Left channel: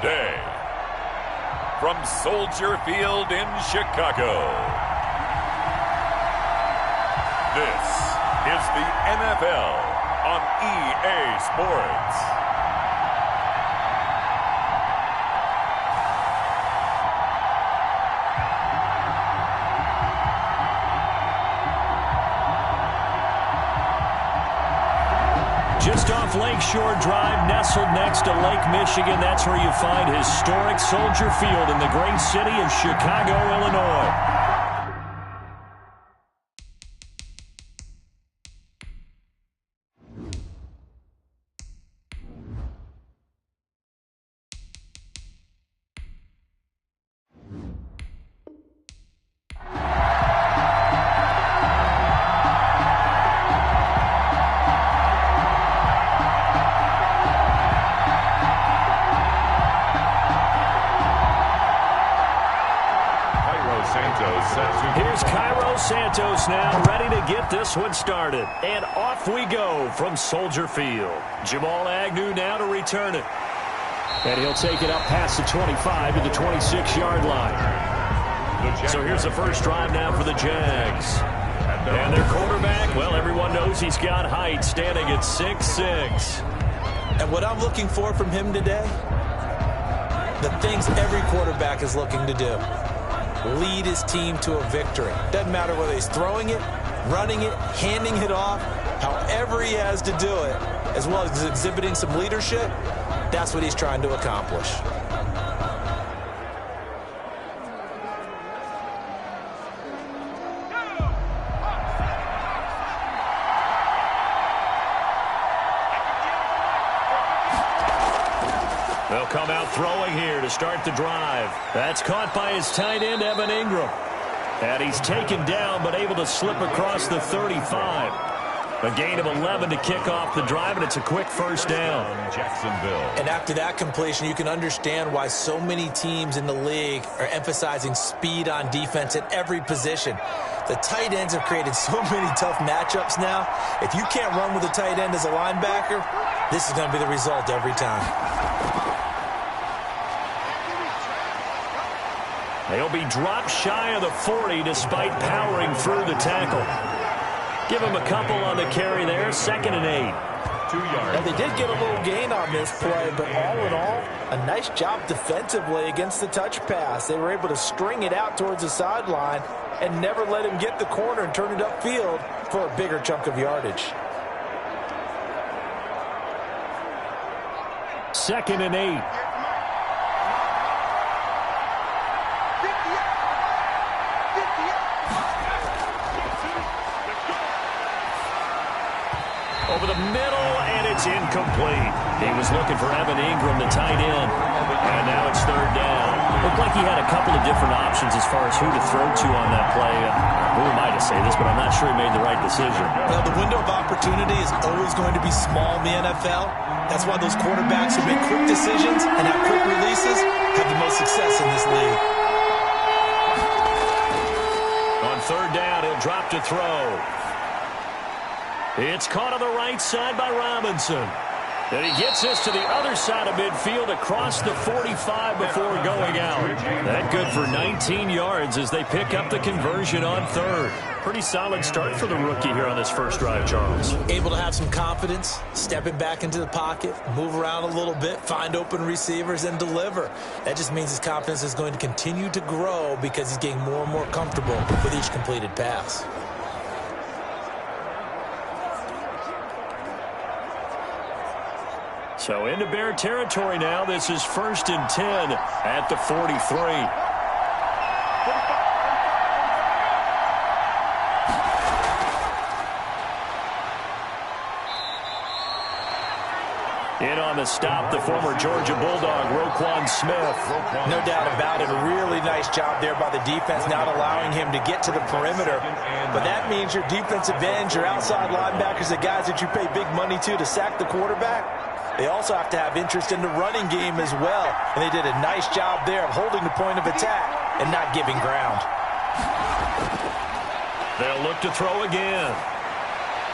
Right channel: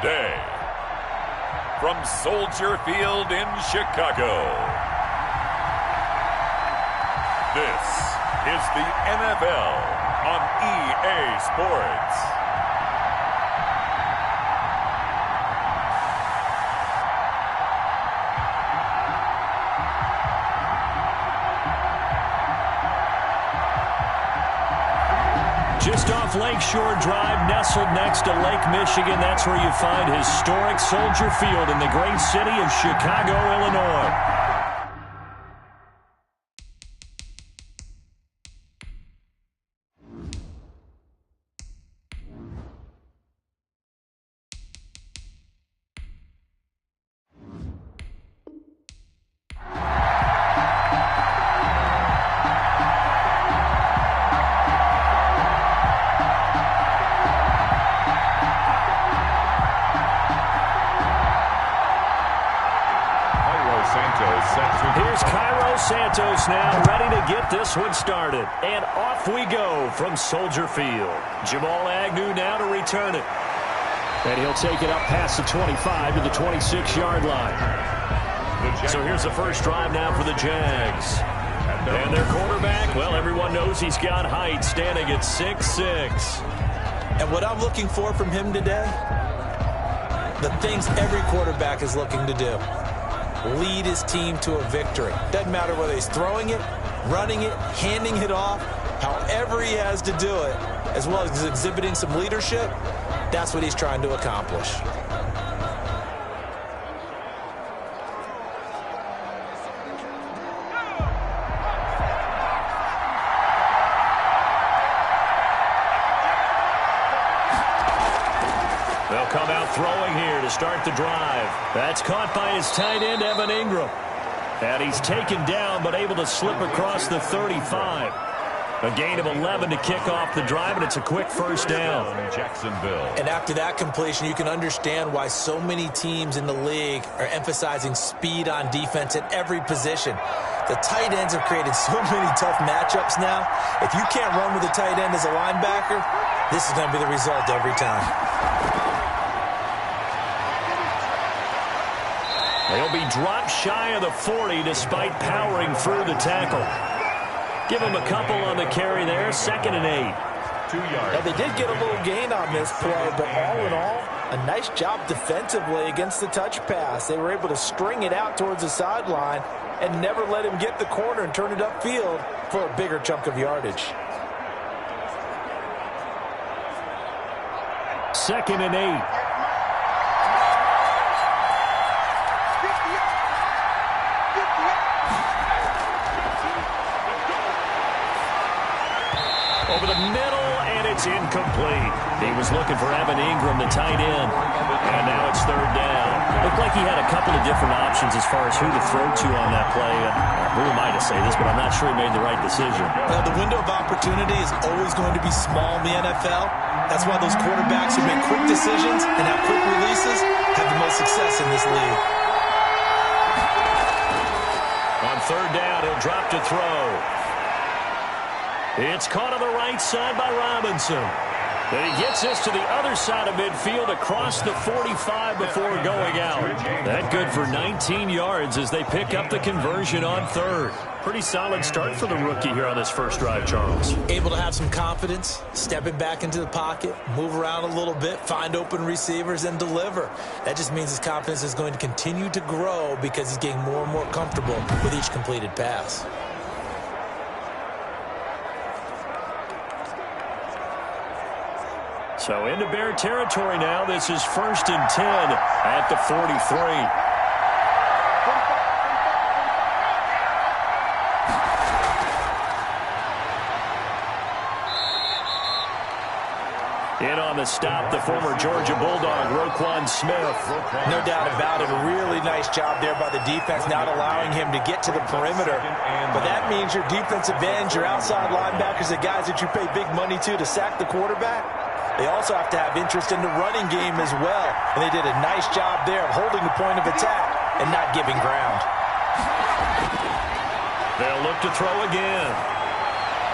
the day. From Soldier Field in Chicago, this is the NFL on EA Sports. Just off Lakeshore Drive, nestled next to Lake Michigan, that's where you find historic Soldier Field in the great city of Chicago, Illinois. Here's Cairo Santos now, ready to get this one started. And off we go from Soldier Field. Jamal Agnew now to return it. And he'll take it up past the 25 to the 26-yard line. So here's the first drive now for the Jags. And their quarterback, well, everyone knows he's got height, standing at 6'6". And what I'm looking for from him today, the things every quarterback is looking to do. Lead his team to a victory. Doesn't matter whether he's throwing it, running it, handing it off, however he has to do it, as well as exhibiting some leadership, that's what he's trying to accomplish. They'll come out throwing here to start the drive. That's caught by his tight end, Evan Ingram. And he's taken down, but able to slip across the 35. A gain of 11 to kick off the drive, and it's a quick first down. Jacksonville. And after that completion, you can understand why so many teams in the league are emphasizing speed on defense at every position. The tight ends have created so many tough matchups now. If you can't run with a tight end as a linebacker, this is going to be the result every time. They'll be dropped shy of the 40 despite powering through the tackle. Give him a couple on the carry there, 2nd and 8. 2 yards. Now, they did get a little gain on this play, but all in all, a nice job defensively against the touch pass. They were able to string it out towards the sideline and never let him get the corner and turn it upfield for a bigger chunk of yardage. 2nd and 8. Over the middle, and it's incomplete. He was looking for Evan Ingram, the tight end, and now it's 3rd down. Looked like he had a couple of different options as far as who to throw to on that play. Who am I to say this, but I'm not sure he made the right decision. Well, the window of opportunity is always going to be small in the NFL. That's why those quarterbacks who make quick decisions and have quick releases have the most success in this league. On 3rd down, he'll drop to throw. It's caught on the right side by Robinson. And he gets this to the other side of midfield across the 45 before going out. That good for 19 yards as they pick up the conversion on 3rd. Pretty solid start for the rookie here on this first drive, Charles. Able to have some confidence, stepping back into the pocket, move around a little bit, find open receivers, and deliver. That just means his confidence is going to continue to grow because he's getting more and more comfortable with each completed pass. So into Bear territory now. This is 1st and 10 at the 43. In on the stop, the former Georgia Bulldog, Roquan Smith. No doubt about it. A really nice job there by the defense, not allowing him to get to the perimeter. But that means your defensive ends, your outside linebackers, the guys that you pay big money to sack the quarterback, they also have to have interest in the running game as well. And they did a nice job there of holding the point of attack and not giving ground. They'll look to throw again.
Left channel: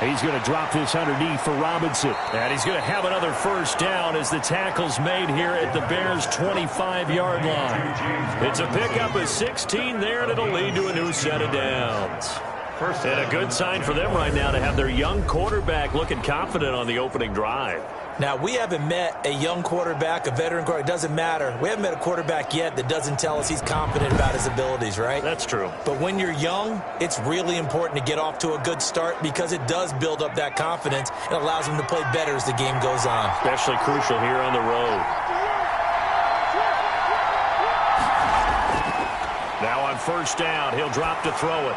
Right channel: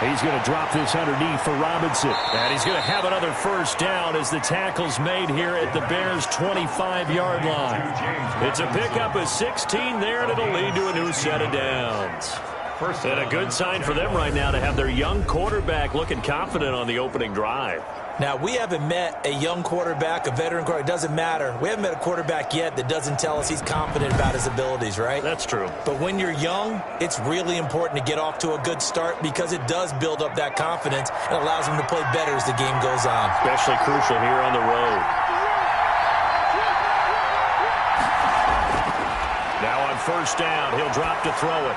He's going to drop this underneath for Robinson. And he's going to have another first down as the tackle's made here at the Bears' 25-yard line. It's a pickup of 16 there, and it'll lead to a new set of downs. And a good sign for them right now to have their young quarterback looking confident on the opening drive. Now, we haven't met a young quarterback, a veteran quarterback. It doesn't matter. We haven't met a quarterback yet that doesn't tell us he's confident about his abilities, right? That's true. But when you're young, it's really important to get off to a good start because it does build up that confidence and allows him to play better as the game goes on. Especially crucial here on the road. Now on first down, he'll drop to throw it.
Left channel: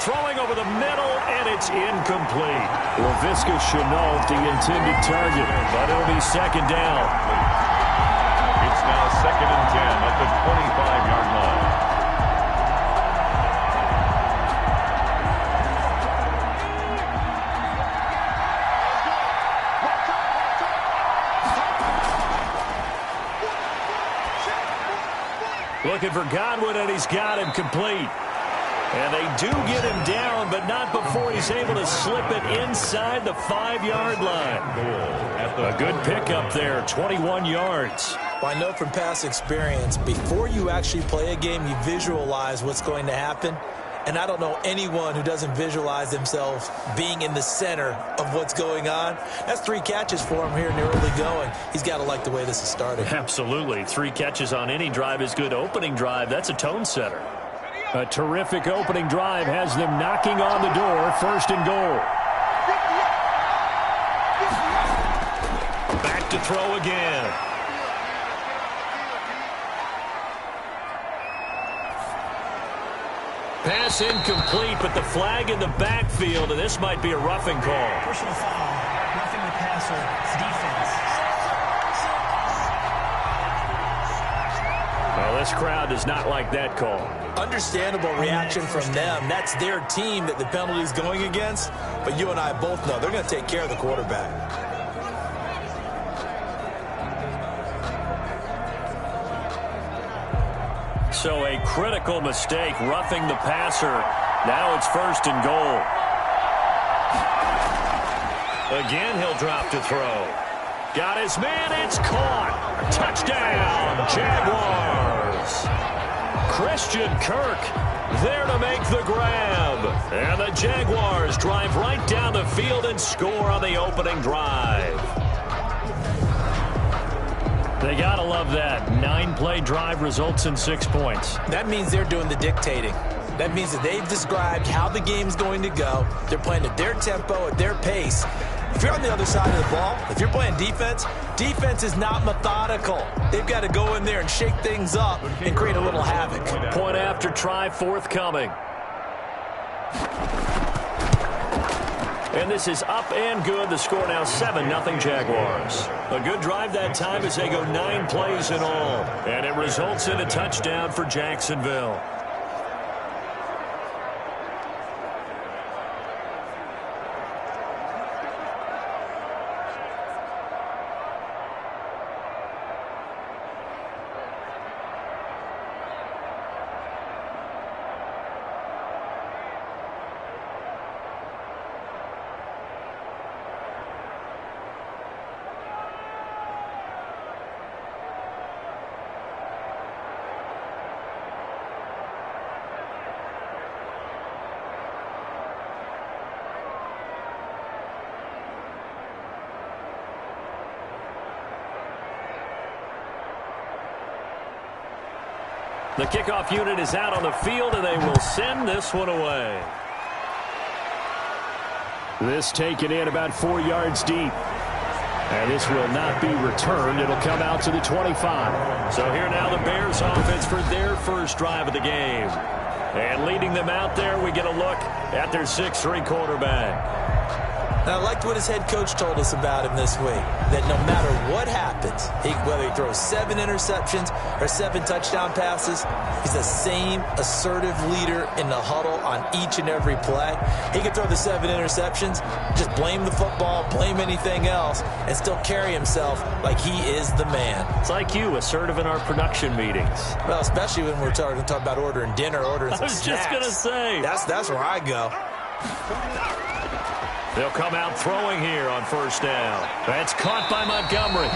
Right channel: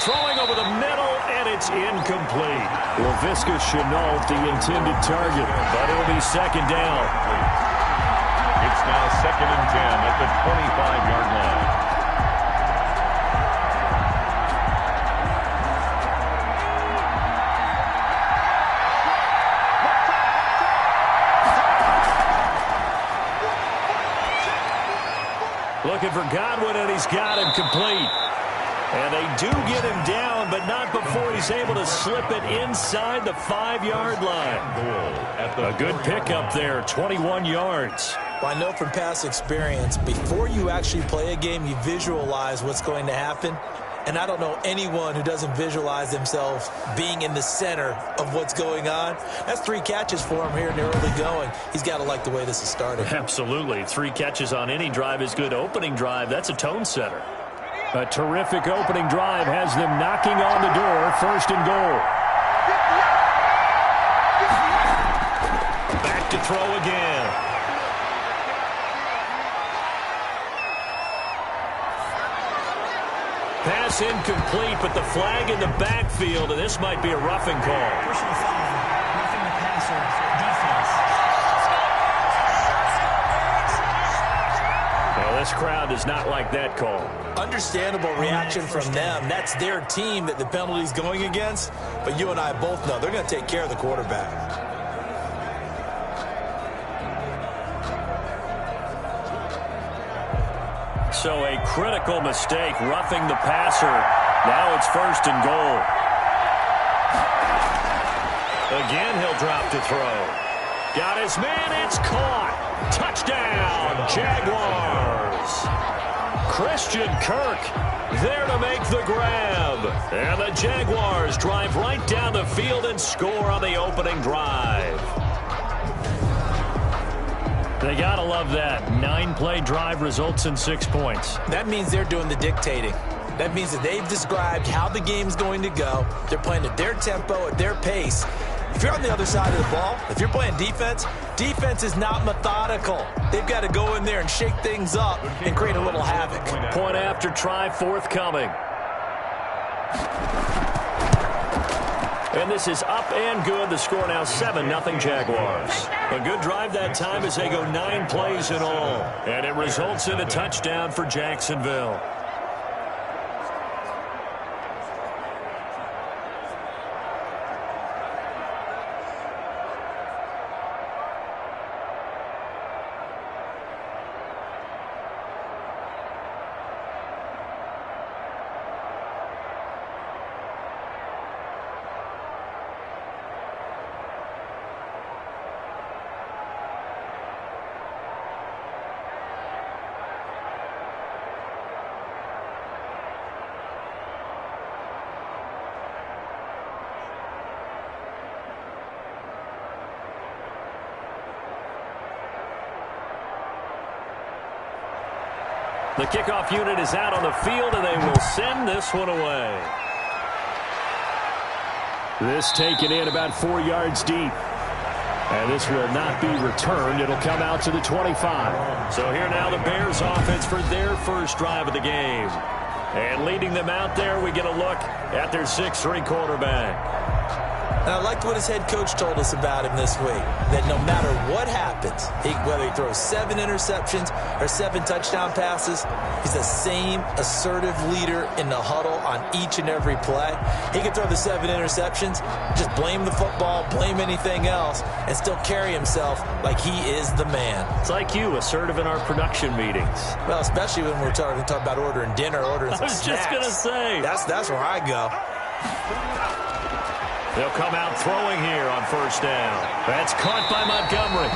Throwing over the middle, and it's incomplete. Laviska Shenault, the intended target, but it'll be second down. It's now 2nd and 10 at the 25-yard line. Looking for Godwin, and he's got him complete. And they do get him down, but not before he's able to slip it inside the 5-yard line. A good pickup there, 21 yards. Well, I know from past experience, before you actually play a game, you visualize what's going to happen. And I don't know anyone who doesn't visualize themselves being in the center of what's going on. That's 3 catches for him here in the early going. He's got to like the way this is starting. Absolutely. 3 catches on any drive is good. Opening drive, that's a tone setter. A terrific opening drive has them knocking on the door. 1st and goal. Back to throw again. Pass incomplete, but the flag in the backfield, and this might be a roughing call. Personal foul, roughing the passer, defense. Well, this crowd does not like that call. Understandable reaction from them. That's their team that the penalty's going against. But you and I both know they're going to take care of the quarterback. So a critical mistake, roughing the passer. Now it's 1st and goal. Again, he'll drop to throw. Got his man, it's caught. Touchdown, Jaguars. Christian Kirk there to make the grab. And the Jaguars drive right down the field and score on the opening drive. They got to love that. 9-play drive results in 6 points. That means they're doing the dictating. That means that they've described how the game's going to go. They're playing at their tempo, at their pace. If you're on the other side of the ball, if you're playing defense, defense is not methodical. They've got to go in there and shake things up and create a little havoc. Point after try forthcoming. And this is up and good. The score now 7-0 Jaguars. A good drive that time as they go 9 plays in all. And it results in a touchdown for Jacksonville. The kickoff unit is out on the field, and they will send this one away. This taken in about 4 yards deep. And this will not be returned. It'll come out to the 25. So here now the Bears offense for their first drive of the game. And leading them out there, we get a look at their 6'3" quarterback. And I liked what his head coach told us about him this week, that no matter what happens, whether he throws 7 interceptions or 7 touchdown passes, he's the same assertive leader in the huddle on each and every play. He can throw the 7 interceptions, just blame the football, blame anything else, and still carry himself like he is the man. It's like you, assertive in our production meetings. Well, especially when we're talking about ordering dinner, ordering some snacks. I was just going to say. That's where I go. They'll come out throwing here on first down. That's caught by Montgomery.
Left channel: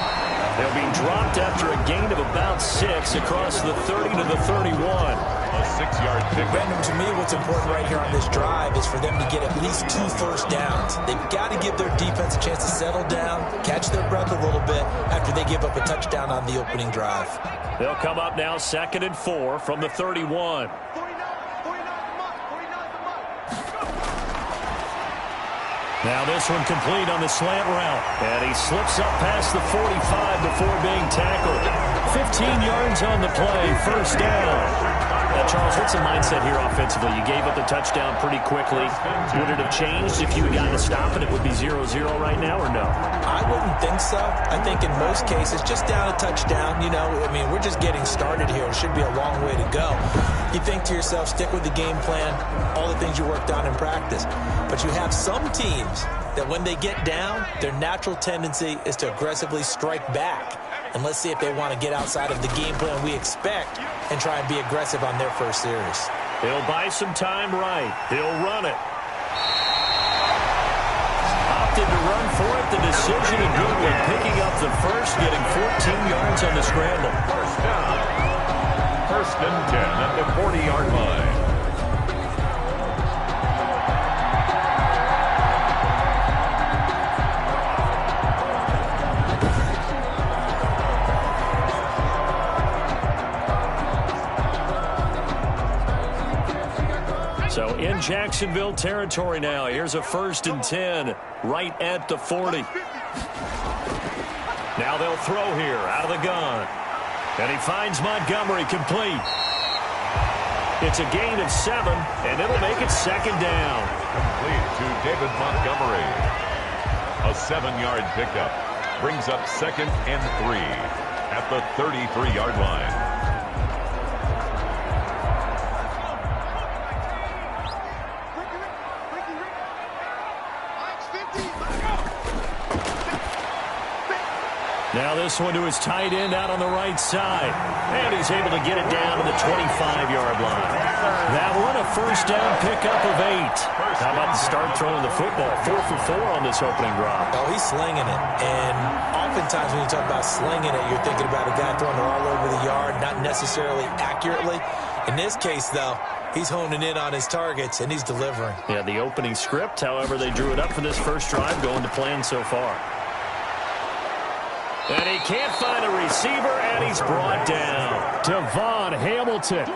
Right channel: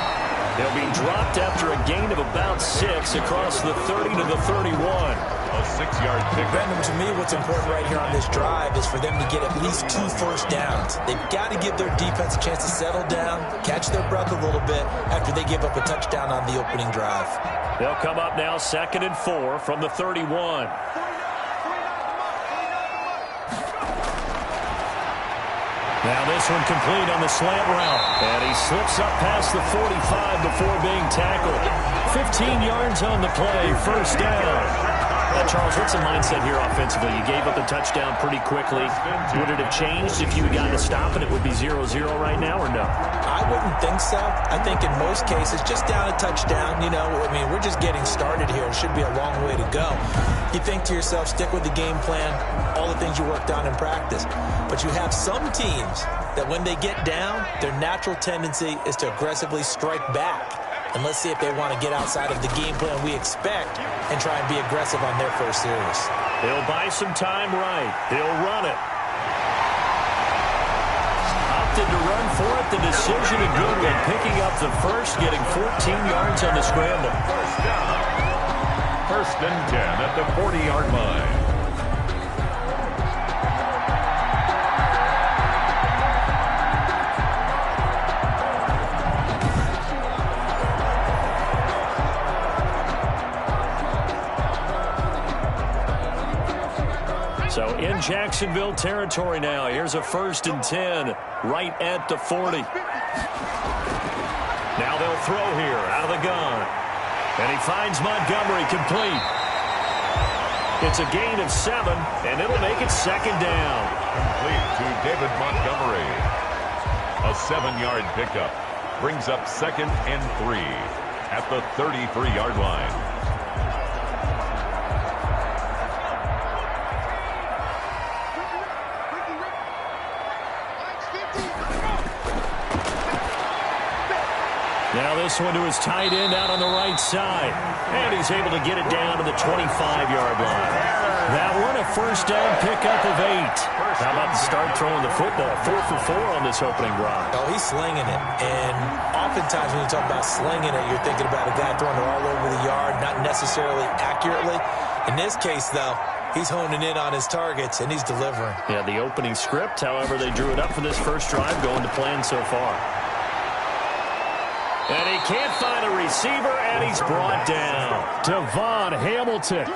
They'll be dropped after a gain of about 6 across the 30 to the 31. A 6-yard pick. Brandon, to me, what's important right here on this drive is for them to get at least 2 first downs. They've got to give their defense a chance to settle down, catch their breath a little bit after they give up a touchdown on the opening drive. They'll come up now 2nd and 4 from the 31. Now this one complete on the slant route. And he slips up past the 45 before being tackled. 15 yards on the play, first down. Now, Charles, what's the mindset here offensively? You gave up the touchdown pretty quickly. Would it have changed if you had gotten a stop and it would be 0-0 right now, or no? I wouldn't think so. I think in most cases, just down a touchdown, we're just getting started here. It should be a long way to go. You think to yourself, stick with the game plan, all the things you worked on in practice. But you have some teams that when they get down, their natural tendency is to aggressively strike back. And let's see if they want to get outside of the game plan we expect and try and be aggressive on their first series. He'll buy some time right. He'll run it. Opted to run for it. The decision a good one. Picking up the first, getting 14 yards on the scramble. First down. 1st and 10 at the 40-yard line. So in Jacksonville territory now. Here's a 1st and 10 right at the 40. Now they'll throw here out of the gun. And he finds Montgomery complete. It's a gain of 7, and it'll make it 2nd down. Complete to David Montgomery. A 7-yard pickup brings up 2nd and 3 at the 33-yard line. Now this one to his tight end out on the right side. And he's able to get it down to the 25-yard line. That one, a first down pickup of 8. How about to start throwing the football? 4 for 4 on this opening drive. Oh, he's slinging it. And oftentimes when you talk about slinging it, you're thinking about a guy throwing it all over the yard, not necessarily accurately. In this case, though, he's honing in on his targets, and he's delivering. Yeah, the opening script, however, they drew it up for this first drive, going to plan so far. And he can't find a receiver, and he's brought down. Devon Hamilton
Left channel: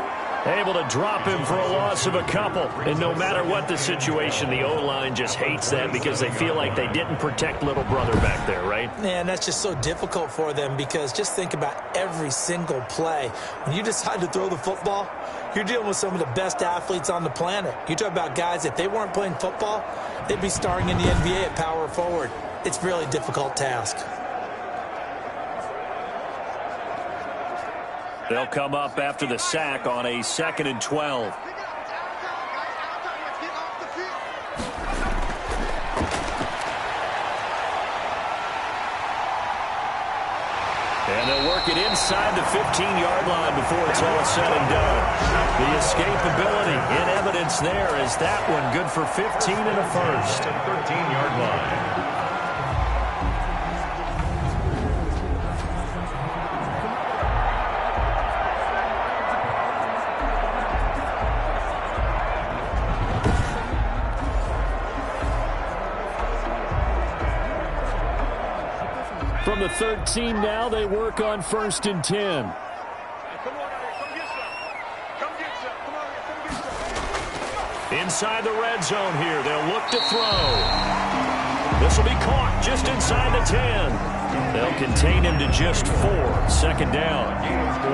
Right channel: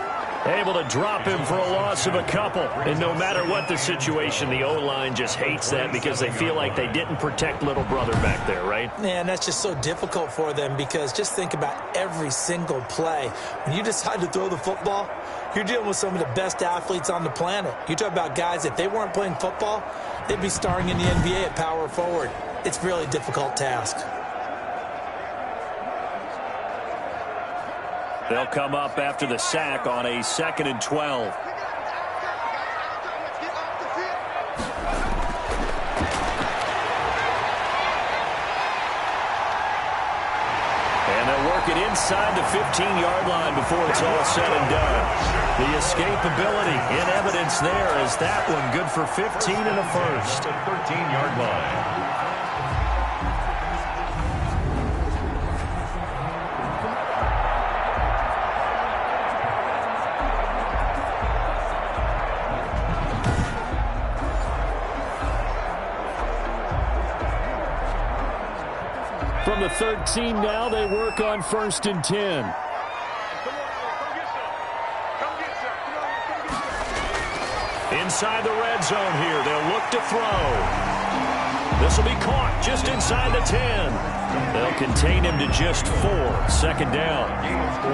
able to drop him for a loss of a couple. And no matter what the situation, the O-line just hates that because they feel like they didn't protect little brother back there, right? Man, that's just so difficult for them because just think about every single play. When you decide to throw the football, you're dealing with some of the best athletes on the planet. You talk about guys, if they weren't playing football, they'd be starring in the NBA at power forward. It's a really difficult task. They'll come up after the sack on a 2nd and 12. And they'll work it inside the 15-yard line before it's all said and done. The escapability in evidence there as that one good for 15 and a first. The 13-yard line. From the 13 now, they work on 1st and 10. Inside the red zone here, they'll look to throw. This will be caught just inside the 10. They'll contain him to just 4. 2nd down. Gain of 4.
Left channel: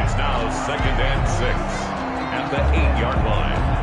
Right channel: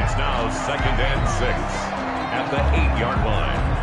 It's now 2nd and 6 at the 8-yard line.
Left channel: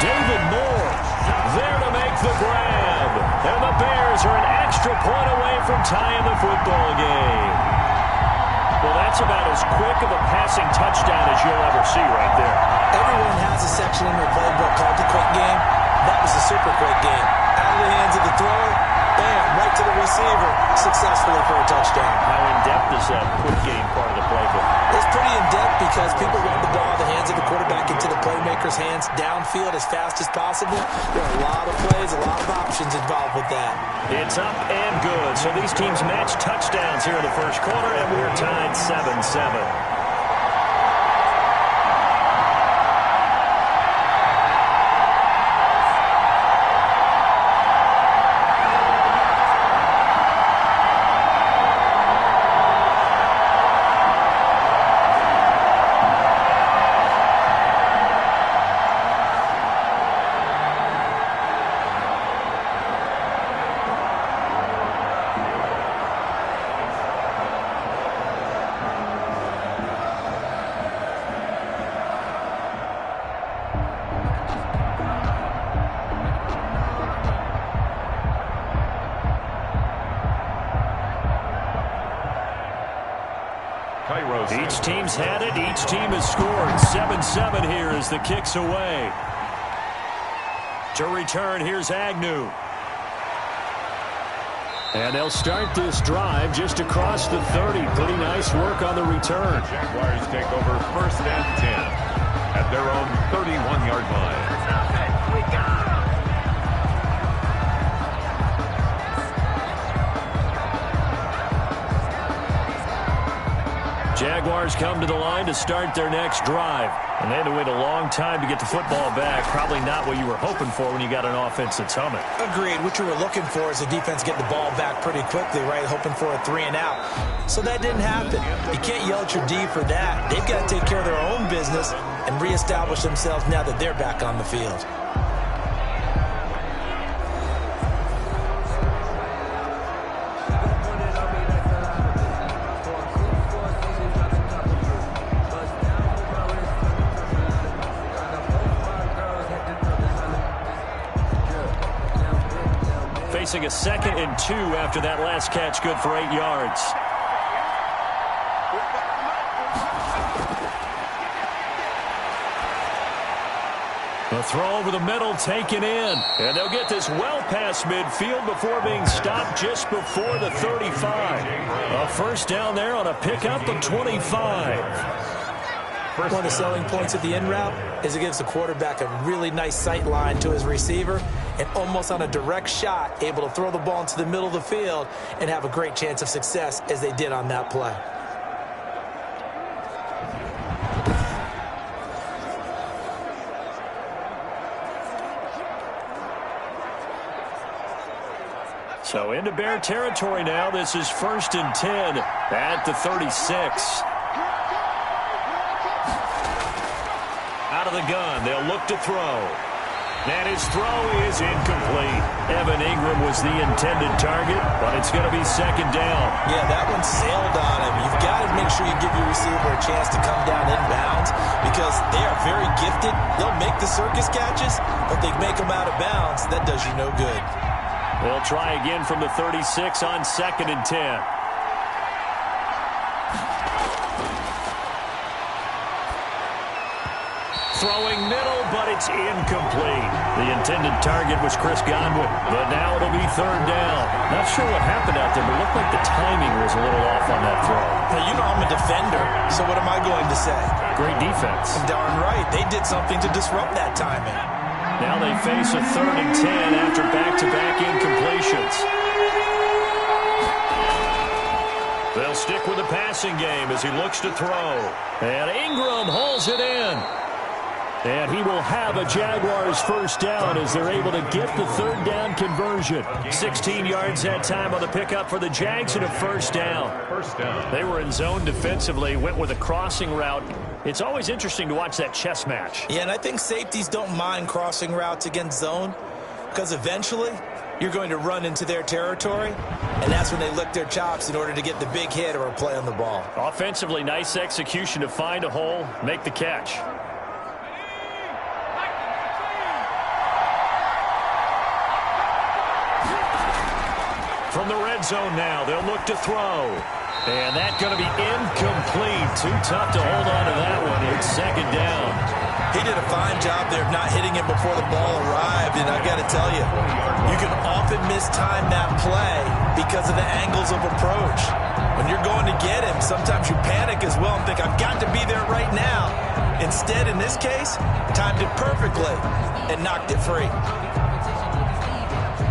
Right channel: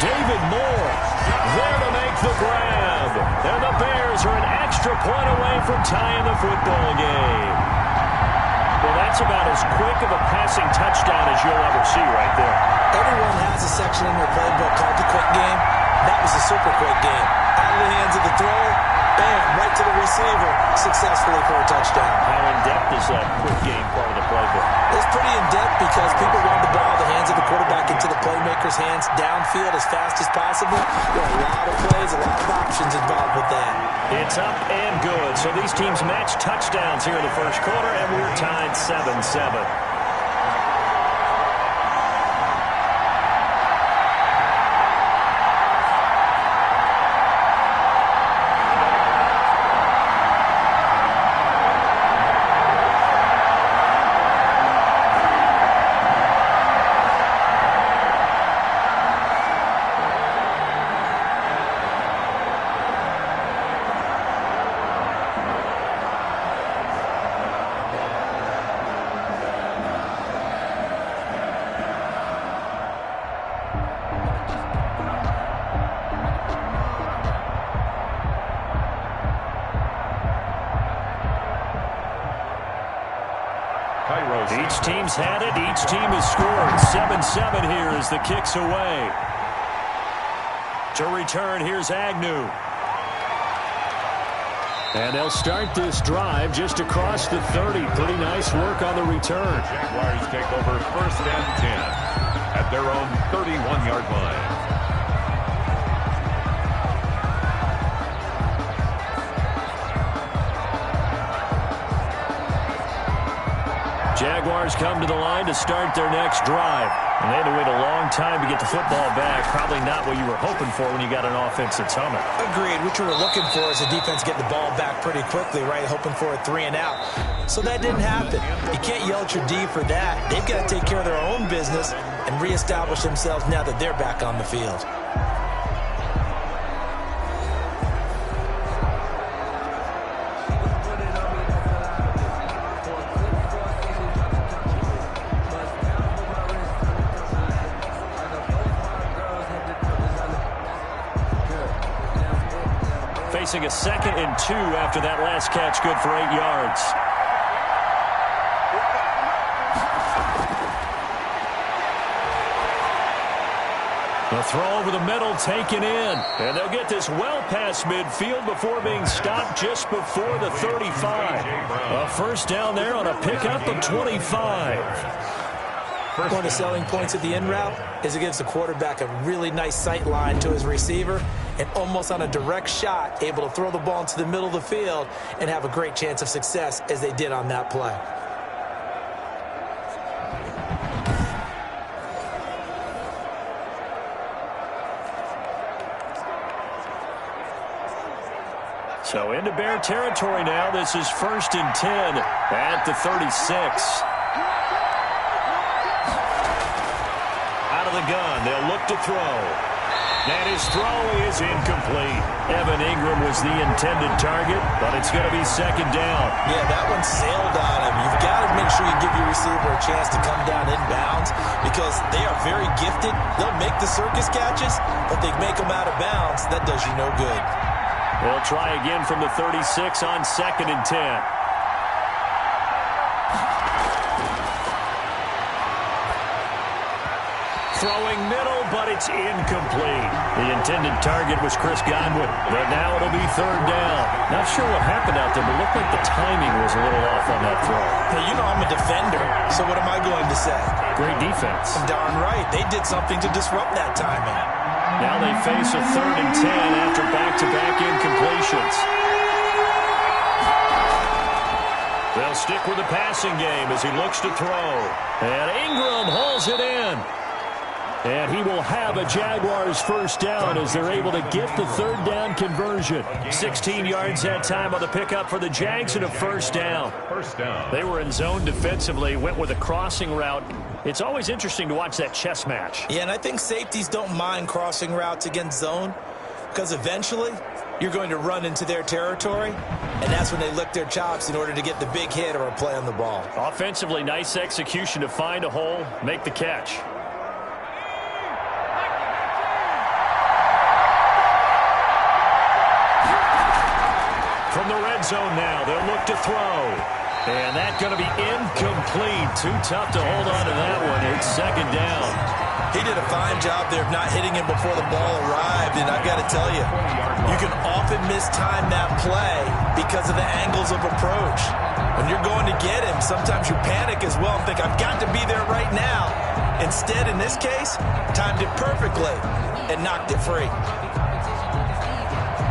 David Moore there to make the grab. And the Bears are an extra point away from tying the football game. Well, that's about as quick of a passing touchdown as you'll ever see right there. Everyone has a section in their playbook called the quick game. That was a super quick game. Out of the hands of the thrower, bam, right to the receiver, successfully for a touchdown. How in-depth is that quick game part of the playbook? It's pretty in-depth because people want the ball in the hands of the quarterback into the playmaker's hands downfield as fast as possible. There are a lot of plays, a lot of options involved with that. It's up and good. So these teams match touchdowns here in the first quarter, and we're tied 7-7. Each team's had it. Each team has scored. 7-7 here as the kick's away. To return, here's Agnew. And they'll start this drive just across the 30. Pretty nice work on the return. The Jaguars take over 1st and 10 at their own 31-yard line. Jaguars come to the line to start their next drive. And they had to wait a long time to get the football back. Probably not what you were hoping for when you got an offense that's humming. Agreed. What you were looking for is the defense getting the ball back pretty quickly, right? Hoping for a 3-and-out. So that didn't happen. You can't yell at your D for that. They've got to take care of their own business and reestablish themselves now that they're back on the field. Facing a 2nd and 2 after that last catch, good for 8 yards. The throw over the middle taken in. And they'll get this well past midfield before being stopped just before the 35. A first down there on a pickup of 25. One of the selling points of the in route is it gives the quarterback a really nice sight line to his receiver and almost on a direct shot able to throw the ball into the middle of the field and have a great chance of success as they did on that play. So into Bear territory now. This is 1st and 10 at the 36. Out of the gun, they'll look to throw. And his throw is incomplete. Evan Ingram was the intended target, but it's going to be 2nd down. Yeah, that one sailed on him. You've got to make sure you give your receiver a chance to come down inbounds because they are very gifted. They'll make the circus catches, but they make them out of bounds. That does you no good. They'll try again from the 36 on 2nd and 10. Throwing middle, but it's incomplete. The intended target was Chris Godwin, but now it'll be 3rd down. Not sure what happened out there, but it looked like the timing was a little off on that throw. Well, you know I'm a defender, so what am I going to say? Great defense. Darn right. They did something to disrupt that timing. Now they face a 3rd and 10 after back-to-back incompletions. They'll stick with the passing game as he looks to throw. And Ingram hauls it in. And he will have a Jaguars first down as they're able to get the 3rd down conversion. 16 yards that time on the pickup for the Jags and a first down. First down. They were in zone defensively, went with a crossing route. It's always interesting to watch that chess match. Yeah, and I think safeties don't mind crossing routes against zone because eventually you're going to run into their territory, and that's when they lick their chops in order to get the big hit or a play on the ball. Offensively, nice execution to find a hole, make the catch. From the red zone now, they'll look to throw. And that's going to be incomplete. Too tough to hold on to that one. It's second down. He did a fine job there of not hitting him before the ball arrived. And I've got to tell you, you can often mistime that play because of the angles of approach. When you're going to get him, sometimes you panic as well and think, I've got to be there right now. Instead, in this case, timed it perfectly and knocked it free.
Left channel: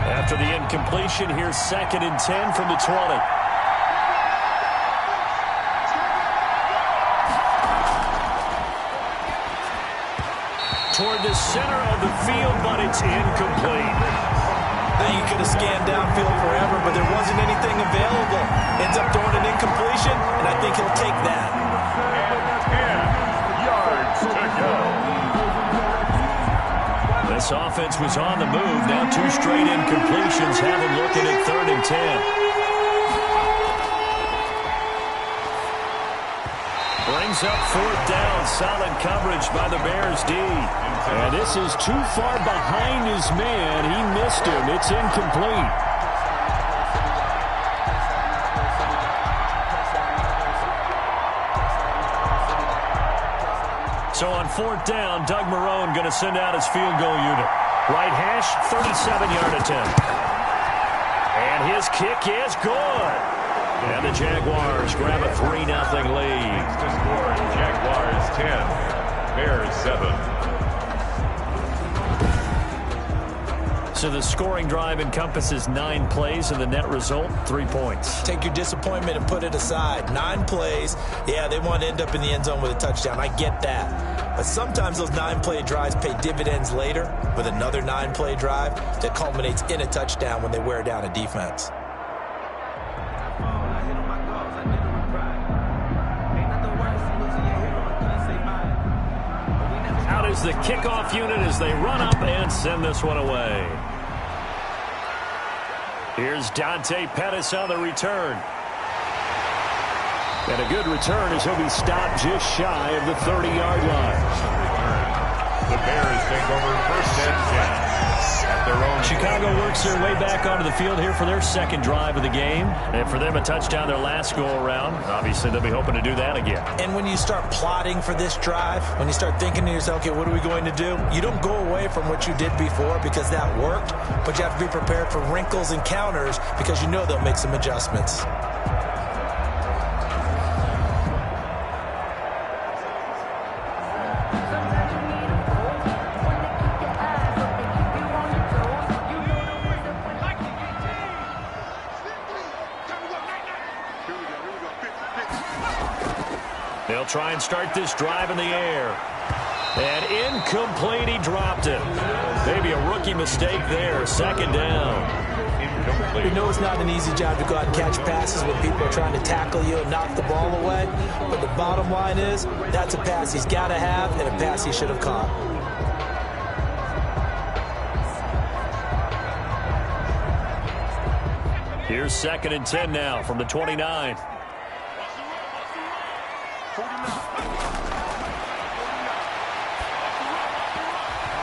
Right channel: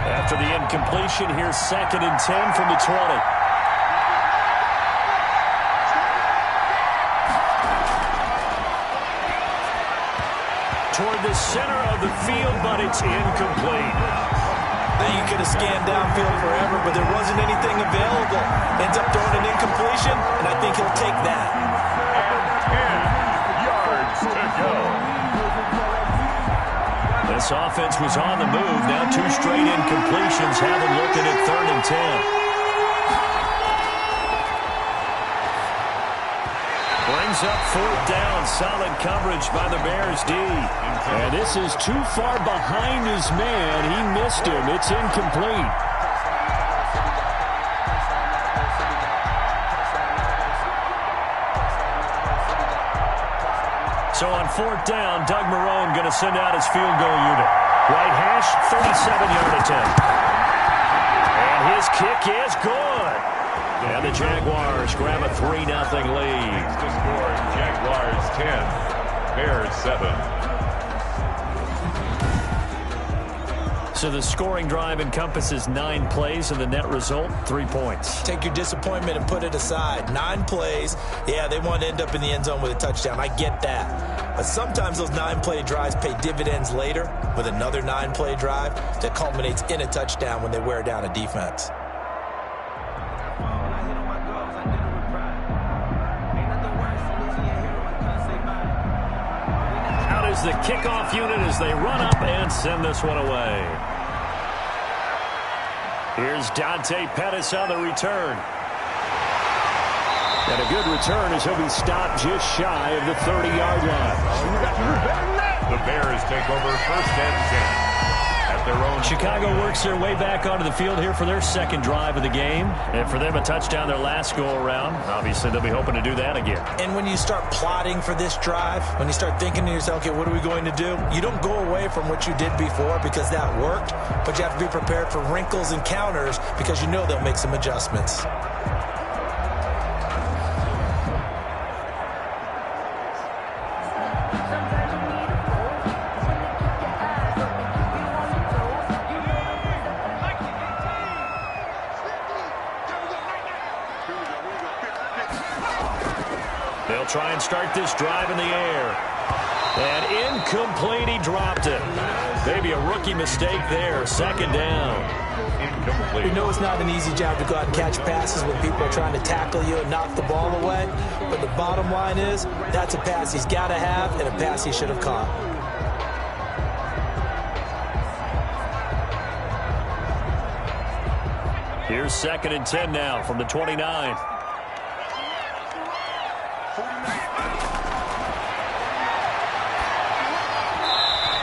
After the incompletion, here's 2nd and 10 from the 20. Toward the center of the field, but it's incomplete. Now you could have scanned downfield forever, but there wasn't anything available. Ends up throwing an incompletion, and I think he'll take that. And 10 yards to go. This offense was on the move. Now 2 straight incompletions have them looking at 3rd and 10. Brings up 4th down. Solid coverage by the Bears D. And this is too far behind his man. He missed him. It's incomplete. So on 4th down, Doug Marrone going to send out his field goal unit. Right hash, 37-yard attempt. And his kick is good. And the Jaguars grab a 3-0 lead. To score, Jaguars 10, Bears 7. So the scoring drive encompasses 9 plays, and the net result, 3 points. Take your disappointment and put it aside. 9 plays. Yeah, they want to end up in the end zone with a touchdown. I get that. But sometimes those 9-play drives pay dividends later with another 9-play drive that culminates in a touchdown when they wear down a defense. Out is the kickoff unit as they run up and send this one away. Here's Dante Pettis on the return. And a good return as he'll be stopped just shy of the 30-yard line. The Bears take over 1st and 10. At their own Chicago works their way back onto the field here for their 2nd drive of the game. And for them, a touchdown their last go-around. Obviously, they'll be hoping to do that again. And when you start plotting for this drive, when you start thinking to yourself, okay, what are we going to do? You don't go away from what you did before because that worked, but you have to be prepared for wrinkles and counters because you know they'll make some adjustments. They'll try and start this drive in the air. And incomplete, he dropped it. Maybe a rookie mistake there. 2nd down. Incomplete. We know it's not an easy job to go out and catch passes when people are trying to tackle you and knock the ball away. But the bottom line is, that's a pass he's got to have and a pass he should have caught. Here's 2nd and 10 now from the 29.